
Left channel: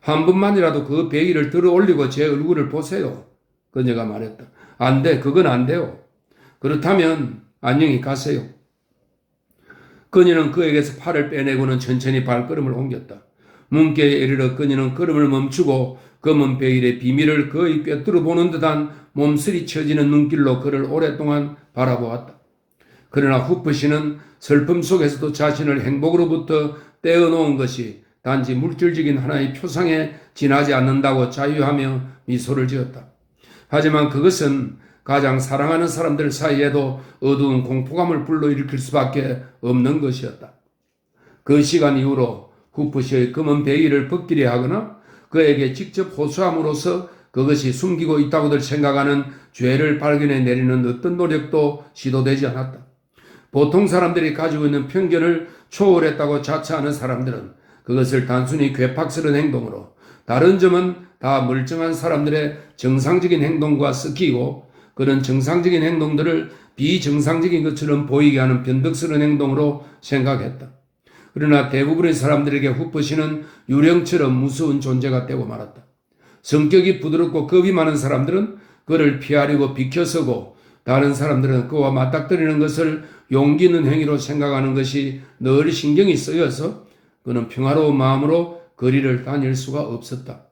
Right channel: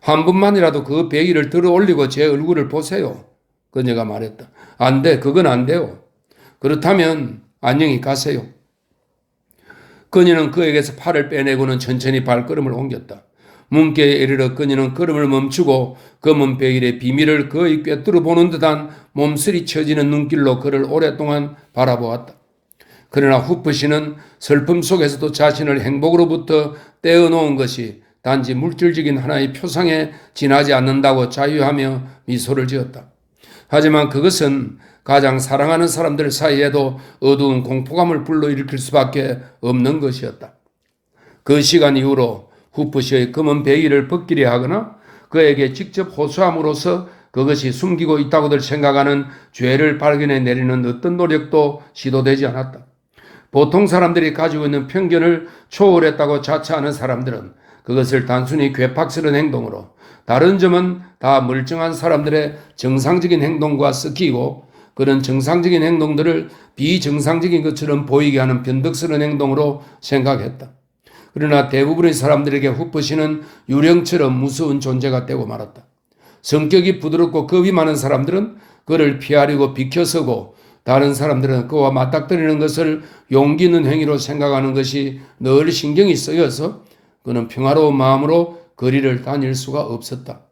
한 번만이라도 그 베일을 들어 올리고 제 얼굴을 보세요. 그녀가 말했다. 안 돼, 그건 안 돼요. 그렇다면 안녕히 가세요. 그녀는 그에게서 팔을 빼내고는 천천히 발걸음을 옮겼다. 문께에 이르러 그녀는 걸음을 멈추고 검은 베일의 비밀을 거의 꿰뚫어 보는 듯한 몸서리 쳐지는 눈길로 그를 오랫동안 바라보았다. 그러나 후프시는 슬픔 속에서도 자신을 행복으로부터 떼어놓은 것이 단지 물질적인 하나의 표상에 지나지 않는다고 자유하며 미소를 지었다. 하지만 그것은 가장 사랑하는 사람들 사이에도 어두운 공포감을 불러일으킬 수밖에 없는 것이었다. 그 시간 이후로 후프시의 검은 베일을 벗기려 하거나 그에게 직접 호소함으로써 그것이 숨기고 있다고들 생각하는 죄를 발견해 내리는 어떤 노력도 시도되지 않았다. 보통 사람들이 가지고 있는 편견을 초월했다고 자처하는 사람들은 그것을 단순히 괴팍스러운 행동으로, 다른 점은 다 멀쩡한 사람들의 정상적인 행동과 섞이고 그런 정상적인 행동들을 비정상적인 것처럼 보이게 하는 변덕스러운 행동으로 생각했다. 그러나 대부분의 사람들에게 후퍼씨는 유령처럼 무서운 존재가 되고 말았다. 성격이 부드럽고 겁이 많은 사람들은 그를 피하려고 비켜서고, 다른 사람들은 그와 맞닥뜨리는 것을 용기 있는 행위로 생각하는 것이 늘 신경이 쓰여서 그는 평화로운 마음으로 거리를 다닐 수가 없었다.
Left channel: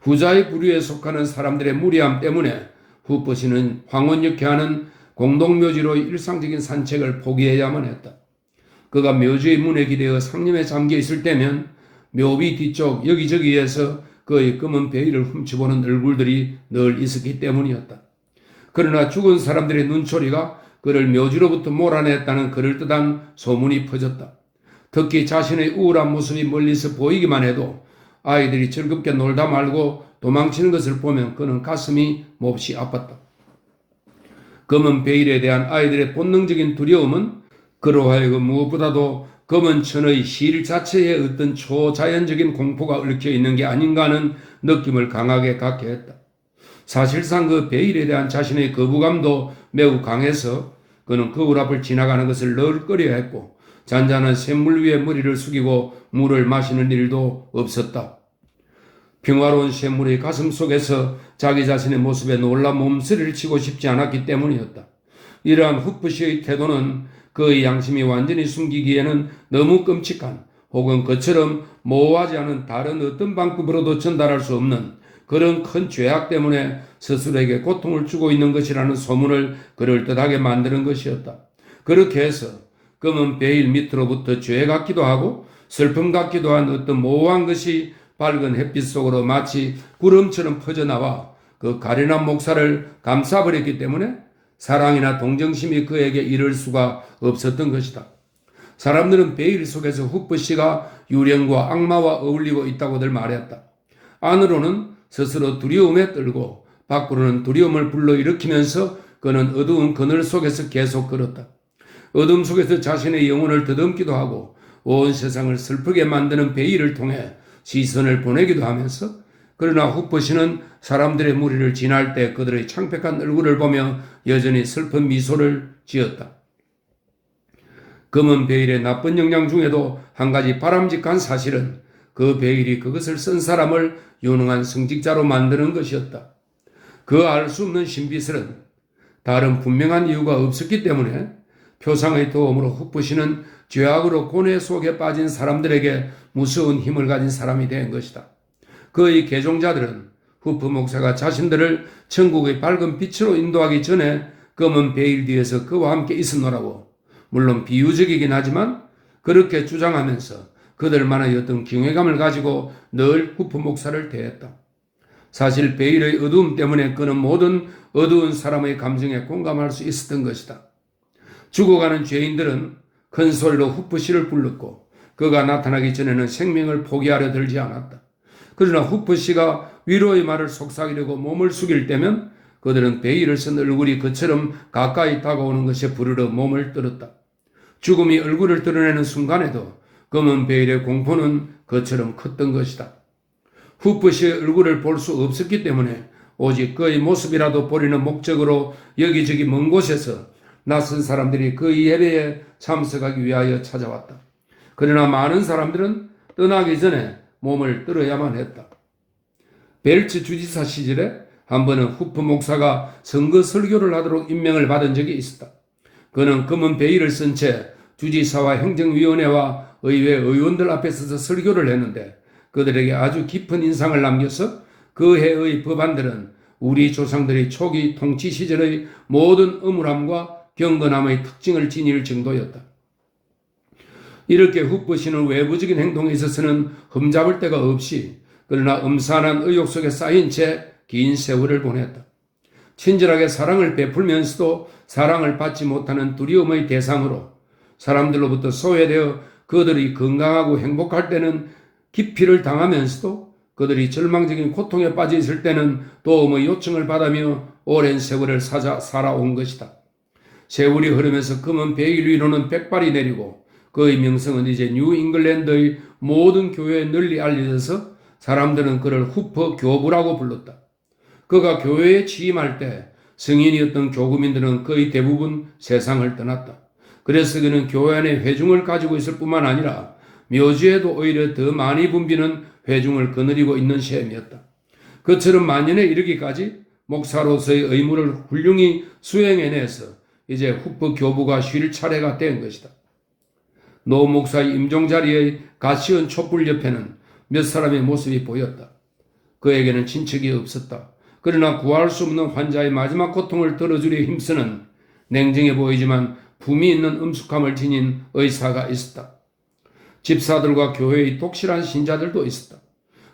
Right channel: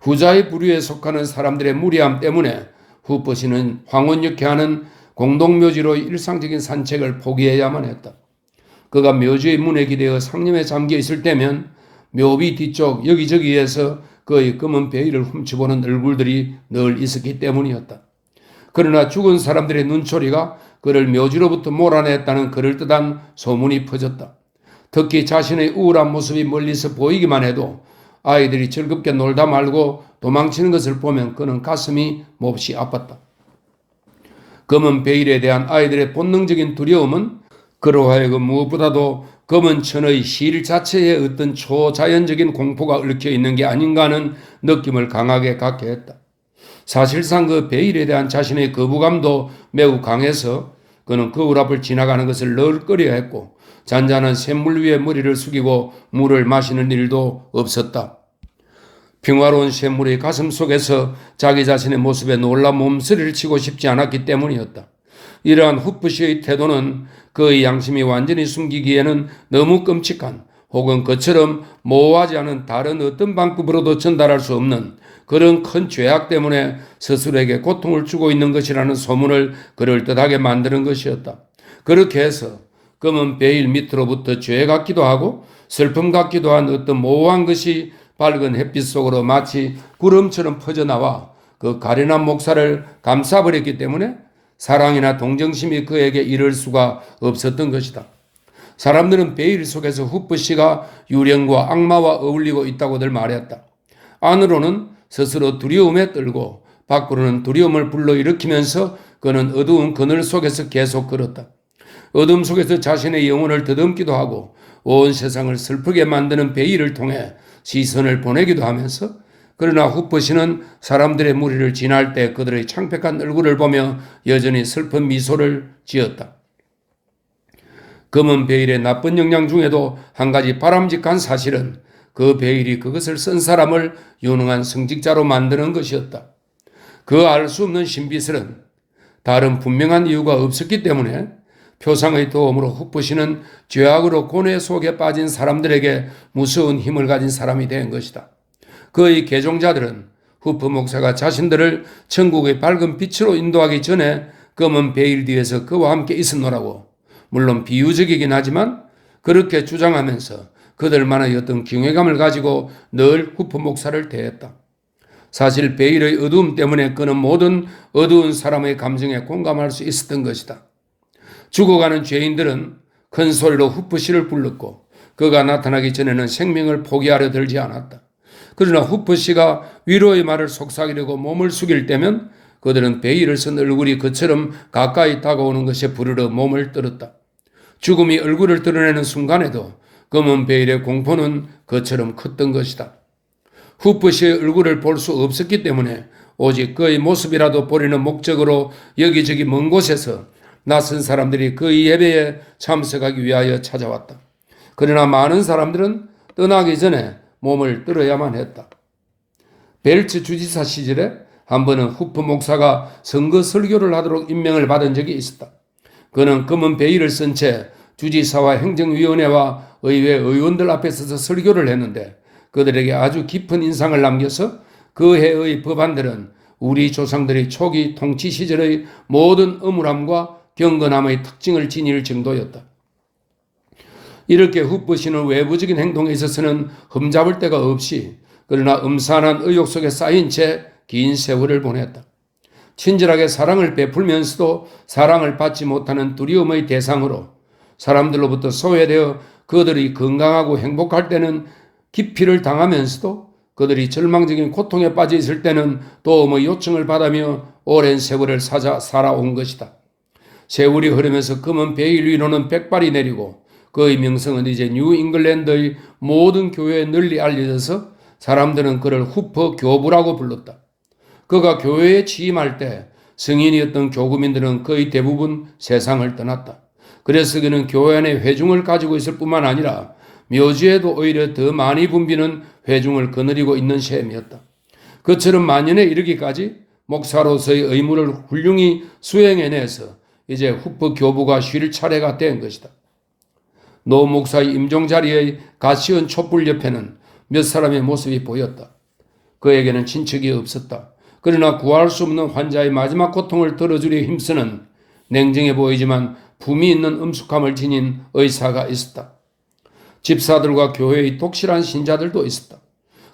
후자의 부류에 속하는 사람들의 무리함 때문에 후퍼씨는 황혼역회 하는 공동묘지로 일상적인 산책을 포기해야만 했다. 그가 묘지의 문에 기대어 상념에 잠겨 있을 때면 묘비 뒤쪽 여기저기에서 그의 검은 베일을 훔쳐보는 얼굴들이 늘 있었기 때문이었다. 그러나 죽은 사람들의 눈초리가 그를 묘지로부터 몰아냈다는 그럴듯한 소문이 퍼졌다. 특히 자신의 우울한 모습이 멀리서 보이기만 해도 아이들이 즐겁게 놀다 말고 도망치는 것을 보면 그는 가슴이 몹시 아팠다. 검은 베일에 대한 아이들의 본능적인 두려움은 그로 하여금 무엇보다도 검은 천의 실 자체에 어떤 초자연적인 공포가 얽혀 있는 게 아닌가 하는 느낌을 강하게 갖게 했다. 사실상 그 베일에 대한 자신의 거부감도 매우 강해서 그는 거울 앞을 지나가는 것을 늘 꺼려했고, 잔잔한 샘물 위에 머리를 숙이고 물을 마시는 일도 없었다. 평화로운 샘물의 가슴 속에서 자기 자신의 모습에 놀라 몸서리를 치고 싶지 않았기 때문이었다. 이러한 후프시의 태도는 그의 양심이 완전히 숨기기에는 너무 끔찍한, 혹은 그처럼 모호하지 않은 다른 어떤 방법으로도 전달할 수 없는 그런 큰 죄악 때문에 스스로에게 고통을 주고 있는 것이라는 소문을 그럴듯하게 만드는 것이었다. 그렇게 해서 검은 베일 밑으로부터 죄 같기도 하고 슬픔 같기도 한 어떤 모호한 것이 밝은 햇빛 속으로 마치 구름처럼 퍼져나와 그 가련한 목살을 감싸버렸기 때문에 사랑이나 동정심이 그에게 이를 수가 없었던 것이다. 사람들은 베일 속에서 후프씨가 유령과 악마와 어울리고 있다고들 말했다. 안으로는 스스로 두려움에 떨고 밖으로는 두려움을 불러일으키면서 그는 어두운 그늘 속에서 계속 걸었다. 어둠 속에서 자신의 영혼을 더듬기도 하고 온 세상을 슬프게 만드는 베일을 통해 시선을 보내기도 하면서, 그러나 후퍼씨는 사람들의 무리를 지날 때 그들의 창백한 얼굴을 보며 여전히 슬픈 미소를 지었다. 검은 베일의 나쁜 영향 중에도 한 가지 바람직한 사실은 그 베일이 그것을 쓴 사람을 유능한 성직자로 만드는 것이었다. 그 알 수 없는 신비설은 다른 분명한 이유가 없었기 때문에 표상의 도움으로 후프씨는 죄악으로 고뇌 속에 빠진 사람들에게 무서운 힘을 가진 사람이 된 것이다. 그의 개종자들은 후프 목사가 자신들을 천국의 밝은 빛으로 인도하기 전에 검은 베일 뒤에서 그와 함께 있었노라고, 물론 비유적이긴 하지만 그렇게 주장하면서 그들만의 어떤 경외감을 가지고 늘 후프 목사를 대했다. 사실 베일의 어두움 때문에 그는 모든 어두운 사람의 감정에 공감할 수 있었던 것이다. 죽어가는 죄인들은 큰 소리로 후프씨를 불렀고 그가 나타나기 전에는 생명을 포기하려 들지 않았다. 그러나 후프씨가 위로의 말을 속삭이려고 몸을 숙일 때면 그들은 베일을 쓴 얼굴이 그처럼 가까이 다가오는 것에 부르러 몸을 떨었다. 죽음이 얼굴을 드러내는 순간에도 검은 베일의 공포는 그처럼 컸던 것이다. 후프씨의 얼굴을 볼 수 없었기 때문에 오직 그의 모습이라도 보리는 목적으로 여기저기 먼 곳에서 낯선 사람들이 그의 예배에 참석하기 위하여 찾아왔다. 그러나 많은 사람들은 떠나기 전에 몸을 떨어야만 했다. 벨츠 주지사 시절에 한 번은 후프 목사가 선거 설교를 하도록 임명을 받은 적이 있었다. 그는 검은 베일을 쓴 채 주지사와 행정위원회와 의회 의원들 앞에 서서 설교를 했는데 그들에게 아주 깊은 인상을 남겨서 그 해의 법안들은 우리 조상들의 초기 통치 시절의 모든 음울함과 경건함의 특징을 지닐 정도였다. 이렇게 후프씨는 외부적인 행동에 있어서는 흠잡을 데가 없이, 그러나 음산한 의욕 속에 쌓인 채 긴 세월을 보냈다. 친절하게 사랑을 베풀면서도 사랑을 받지 못하는 두려움의 대상으로 사람들로부터 소외되어 그들이 건강하고 행복할 때는 기피를 당하면서도 그들이 절망적인 고통에 빠져 있을 때는 도움의 요청을 받으며 오랜 세월을 살아온 것이다. 세월이 흐르면서 검은 베일 위로는 백발이 내리고 그의 명성은 이제 뉴 잉글랜드의 모든 교회에 널리 알려져서 사람들은 그를 후퍼 교부라고 불렀다. 그가 교회에 취임할 때 성인이었던 교구민들은 거의 대부분 세상을 떠났다. 그래서 그는 교회 안에 회중을 가지고 있을 뿐만 아니라 묘지에도 오히려 더 많이 붐비는 회중을 거느리고 있는 셈이었다. 그처럼 만년에 이르기까지 목사로서의 의무를 훌륭히 수행해내서 이제 후프 교부가 쉴 차례가 된 것이다. 노 목사의 임종 자리의 가시원 촛불 옆에는 몇 사람의 모습이 보였다. 그에게는 친척이 없었다. 그러나 구할 수 없는 환자의 마지막 고통을 들어주려 힘쓰는 냉정해 보이지만 품이 있는 엄숙함을 지닌 의사가 있었다. 집사들과 교회의 독실한 신자들도 있었다.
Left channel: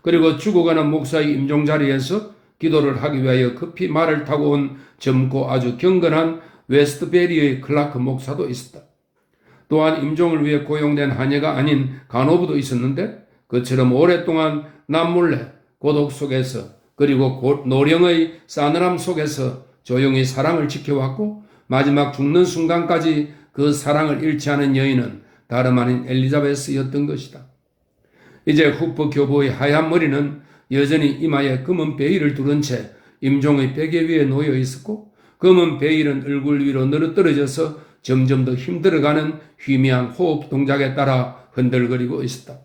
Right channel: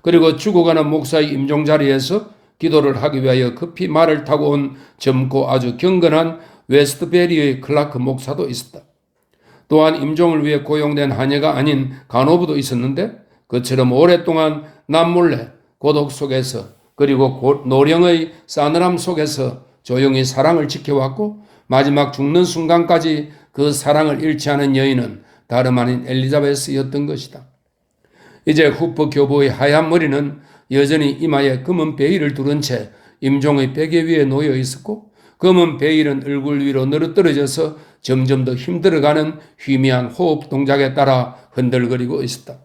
그리고 죽어가는 목사의 임종 자리에서 기도를 하기 위하여 급히 말을 타고 온 젊고 아주 경건한 웨스트베리의 클라크 목사도 있었다. 또한 임종을 위해 고용된 하녀가 아닌 간호부도 있었는데 그처럼 오랫동안 남몰래 고독 속에서 그리고 노령의 싸늘함 속에서 조용히 사랑을 지켜왔고 마지막 죽는 순간까지 그 사랑을 잃지 않은 여인은 다름 아닌 엘리자베스였던 것이다. 이제 후퍼 교부의 하얀 머리는 여전히 이마에 검은 베일을 두른 채 임종의 베개 위에 놓여 있었고 검은 베일은 얼굴 위로 늘어떨어져서 점점 더 힘들어가는 희미한 호흡 동작에 따라 흔들거리고 있었다.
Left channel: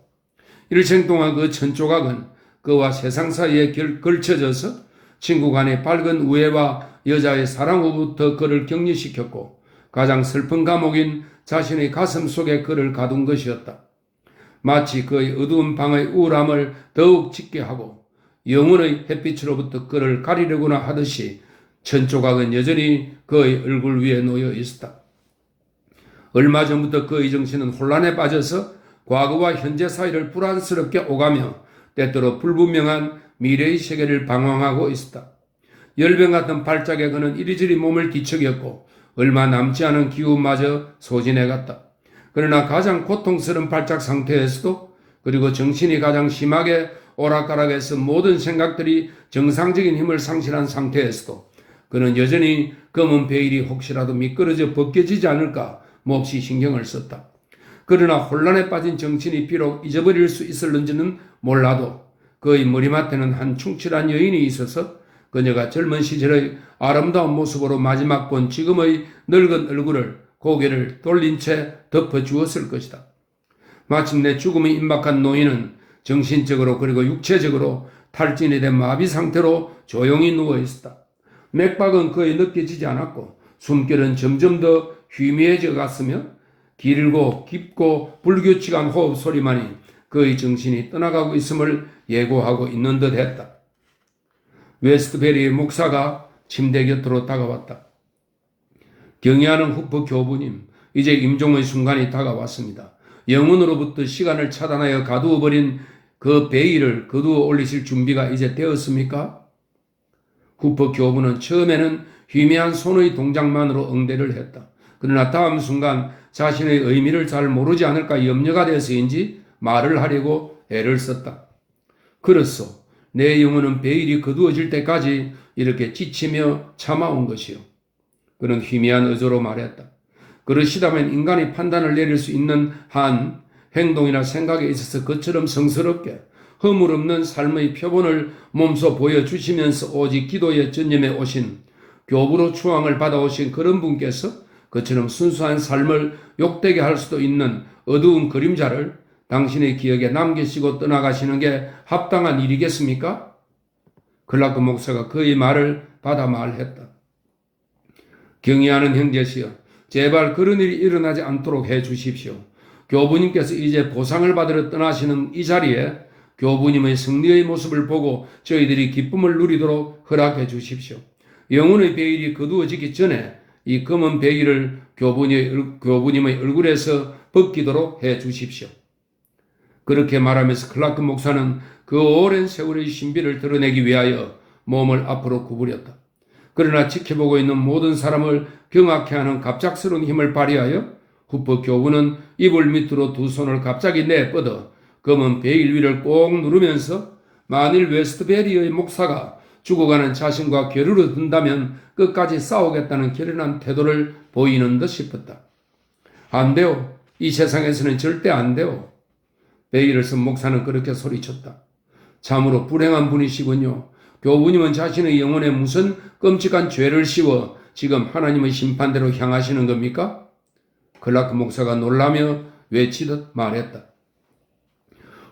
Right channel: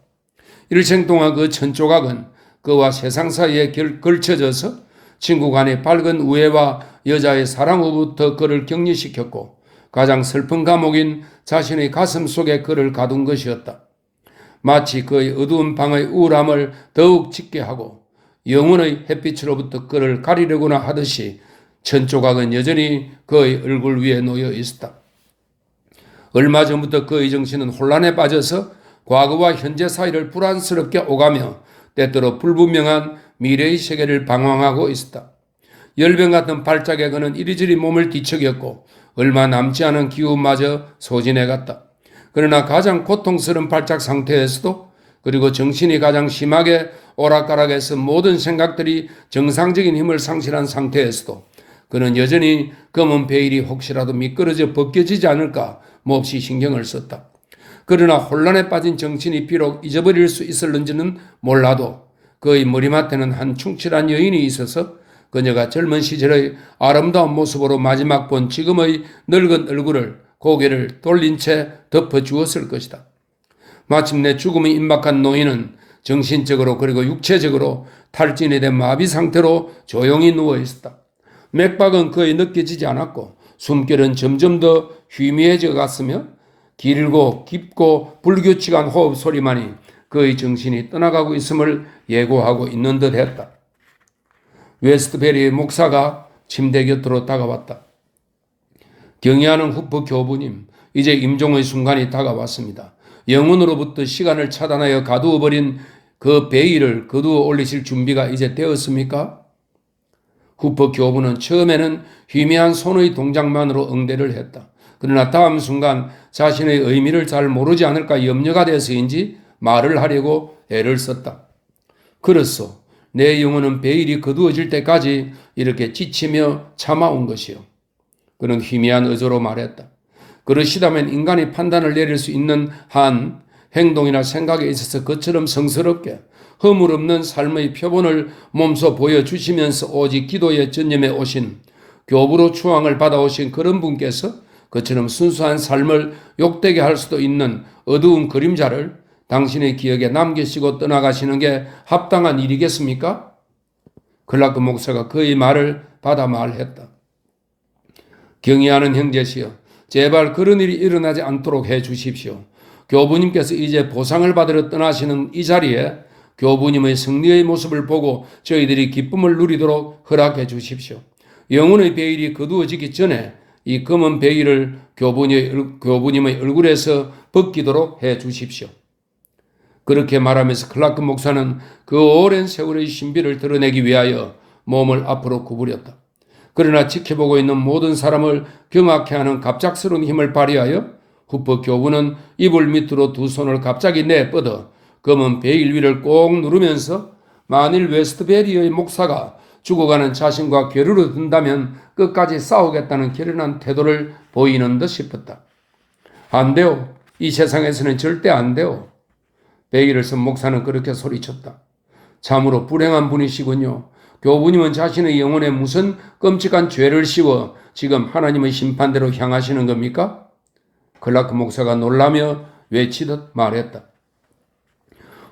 일생 동안 그 천조각은 그와 세상 사이에 걸쳐져서 친구 간의 밝은 우애와 여자의 사랑으로부터 그를 격리시켰고 가장 슬픈 감옥인 자신의 가슴 속에 그를 가둔 것이었다. 마치 그의 어두운 방의 우울함을 더욱 짙게 하고 영혼의 햇빛으로부터 그를 가리려고나 하듯이 천조각은 여전히 그의 얼굴 위에 놓여 있었다. 얼마 전부터 그의 정신은 혼란에 빠져서 과거와 현재 사이를 불안스럽게 오가며 때때로 불분명한 미래의 세계를 방황하고 있었다. 열병 같은 발작에 그는 이리저리 몸을 뒤척였고 얼마 남지 않은 기운마저 소진해갔다. 그러나 가장 고통스러운 발작 상태에서도 그리고 정신이 가장 심하게 오락가락해서 모든 생각들이 정상적인 힘을 상실한 상태에서도 그는 여전히 검은 베일이 혹시라도 미끄러져 벗겨지지 않을까 몹시 신경을 썼다. 그러나 혼란에 빠진 정신이 비록 잊어버릴 수 있을는지는 몰라도 그의 머리맡에는 한 충실한 여인이 있어서 그녀가 젊은 시절의 아름다운 모습으로 마지막 본 지금의 늙은 얼굴을 고개를 돌린 채 덮어주었을 것이다. 마침내 죽음이 임박한 노인은 정신적으로 그리고 육체적으로 탈진이 된 마비 상태로 조용히 누워 있었다. 맥박은 거의 느껴지지 않았고 숨결은 점점 더 희미해져 갔으며 길고 깊고 불규칙한 호흡 소리만이 그의 정신이 떠나가고 있음을 예고하고 있는 듯 했다. 웨스트베리의 목사가 침대 곁으로 다가왔다. 경애하는 후프 교부님, 이제 임종의 순간이 다가왔습니다. 영혼으로부터 시간을 차단하여 가두어버린 그 베일을 거두어 올리실 준비가 이제 되었습니까? 후프 교부는 처음에는 희미한 손의 동작만으로 응대를 했다. 그러나 다음 순간 자신의 의미를 잘 모르지 않을까 염려가 돼서인지 말을 하려고 애를 썼다. 그렇소. 내 영혼은 베일이 거두어질 때까지 이렇게 지치며 참아온 것이요. 그는 희미한 의조로 말했다. 그러시다면 인간이 판단을 내릴 수 있는 한 행동이나 생각에 있어서 그처럼 성스럽게 허물없는 삶의 표본을 몸소 보여주시면서 오직 기도에 전념해 오신 교부로 추앙을 받아오신 그런 분께서 그처럼 순수한 삶을 욕되게 할 수도 있는 어두운 그림자를 당신의 기억에 남기시고 떠나가시는 게 합당한 일이겠습니까? 클라크 목사가 그의 말을 받아 말했다. 경의하는 형제시여, 제발 그런 일이 일어나지 않도록 해 주십시오. 교부님께서 이제 보상을 받으러 떠나시는 이 자리에 교부님의 승리의 모습을 보고 저희들이 기쁨을 누리도록 허락해 주십시오. 영혼의 베일이 거두어지기 전에 이 검은 베일을 교부님의 얼굴에서 벗기도록 해 주십시오. 그렇게 말하면서 클라크 목사는 그 오랜 세월의 신비를 드러내기 위하여 몸을 앞으로 구부렸다. 그러나 지켜보고 있는 모든 사람을 경악해 하는 갑작스러운 힘을 발휘하여 후퍼 교부는 이불 밑으로 두 손을 갑자기 내뻗어 검은 베일 위를 꼭 누르면서 만일 웨스트베리의 목사가 죽어가는 자신과 겨루러 든다면 끝까지 싸우겠다는 결연한 태도를 보이는 듯 싶었다. 안 돼요. 이 세상에서는 절대 안 돼요. 베일을 쓴 목사는 그렇게 소리쳤다. 참으로 불행한 분이시군요. 교부님은 자신의 영혼에 무슨 끔찍한 죄를 씌워 지금 하나님의 심판대로 향하시는 겁니까? 클라크 목사가 놀라며 외치듯 말했다.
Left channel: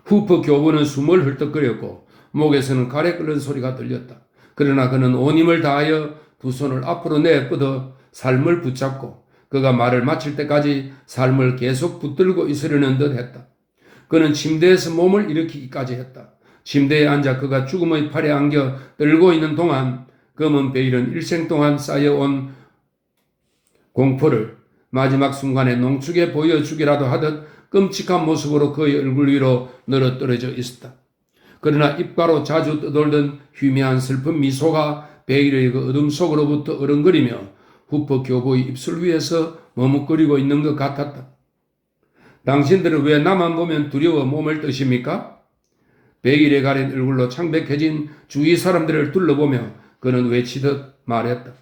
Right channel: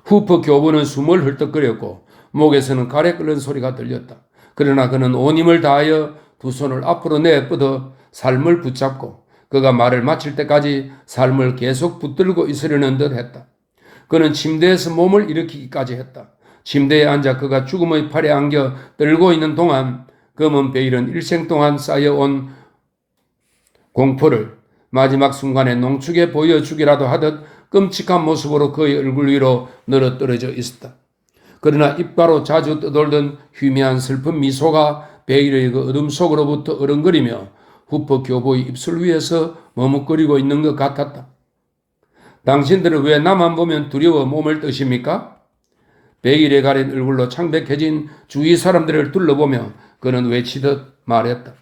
후퍼 교부는 숨을 헐떡거렸고 목에서는 가래 끓는 소리가 들렸다. 그러나 그는 온 힘을 다하여 두 손을 앞으로 내뻗어 삶을 붙잡고 그가 말을 마칠 때까지 삶을 계속 붙들고 있으려는 듯 했다. 그는 침대에서 몸을 일으키기까지 했다. 침대에 앉아 그가 죽음의 팔에 안겨 떨고 있는 동안 검은 베일은 일생 동안 쌓여온 공포를 마지막 순간에 농축해 보여주기라도 하듯 끔찍한 모습으로 그의 얼굴 위로 늘어떨어져 있었다. 그러나 입가로 자주 떠돌던 희미한 슬픈 미소가 베일의 그 어둠 속으로부터 어른거리며 후퍼 교부의 입술 위에서 머뭇거리고 있는 것 같았다. 당신들은 왜 나만 보면 두려워 몸을 뜨십니까? 베일에 가린 얼굴로 창백해진 주위 사람들을 둘러보며 그는 외치듯 말했다.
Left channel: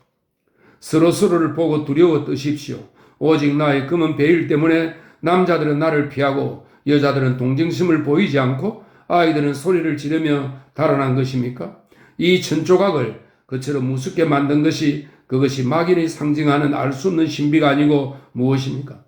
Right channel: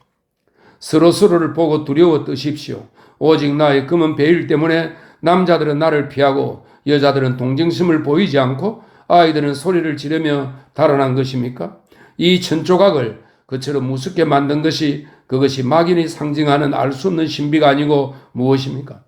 서로서로를 보고 두려워 뜨십시오. 오직 나의 검은 베일 때문에 남자들은 나를 피하고 여자들은 동정심을 보이지 않고 아이들은 소리를 지르며 달아난 것입니까? 이 천조각을 그처럼 우습게 만든 것이 그것이 막연히 상징하는 알 수 없는 신비가 아니고 무엇입니까?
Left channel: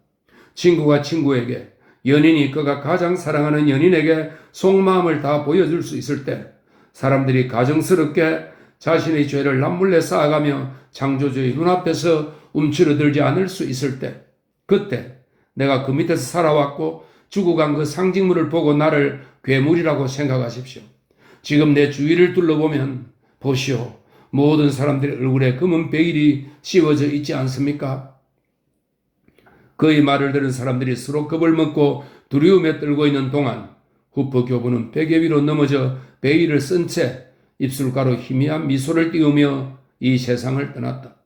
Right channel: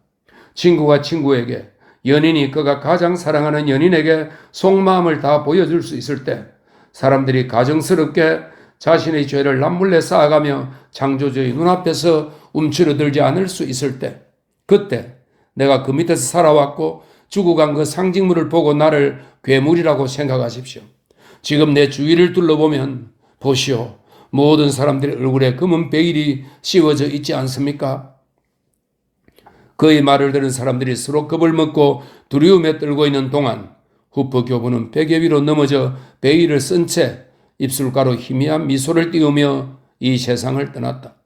친구가 친구에게, 연인이 그가 가장 사랑하는 연인에게 속마음을 다 보여줄 수 있을 때 사람들이 가정스럽게 자신의 죄를 남몰래 쌓아가며 창조주의 눈앞에서 움츠러들지 않을 수 있을 때 그때 내가 그 밑에서 살아왔고 죽어간 그 상징물을 보고 나를 괴물이라고 생각하십시오. 지금 내 주위를 둘러보면 보시오. 모든 사람들의 얼굴에 검은 베일이 씌워져 있지 않습니까? 그의 말을 들은 사람들이 서로 겁을 먹고 두려움에 떨고 있는 동안 후퍼 교부는 베개 위로 넘어져 베일을 쓴 채 입술가로 희미한 미소를 띄우며 이 세상을 떠났다.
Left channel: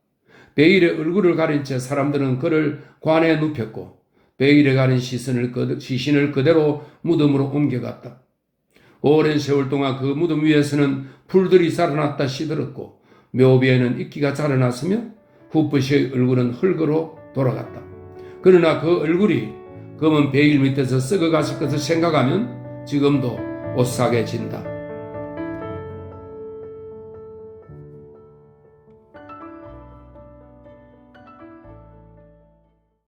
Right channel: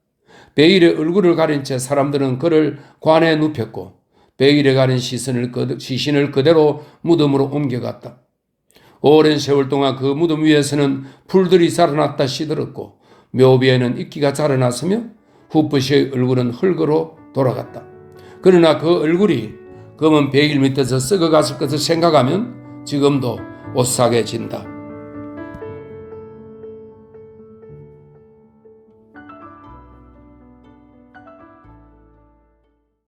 베일의 얼굴을 가린 채 사람들은 그를 관에 눕혔고 베일에 가린 시신을 그대로 무덤으로 옮겨갔다. 오랜 세월 동안 그 무덤 위에서는 풀들이 자라났다 시들었고 묘비에는 이끼가 자라났으며 후퍼씨의 얼굴은 흙으로 돌아갔다. 그러나 그 얼굴이 검은 베일 밑에서 썩어갔을 것을 생각하면 지금도 오싹해진다.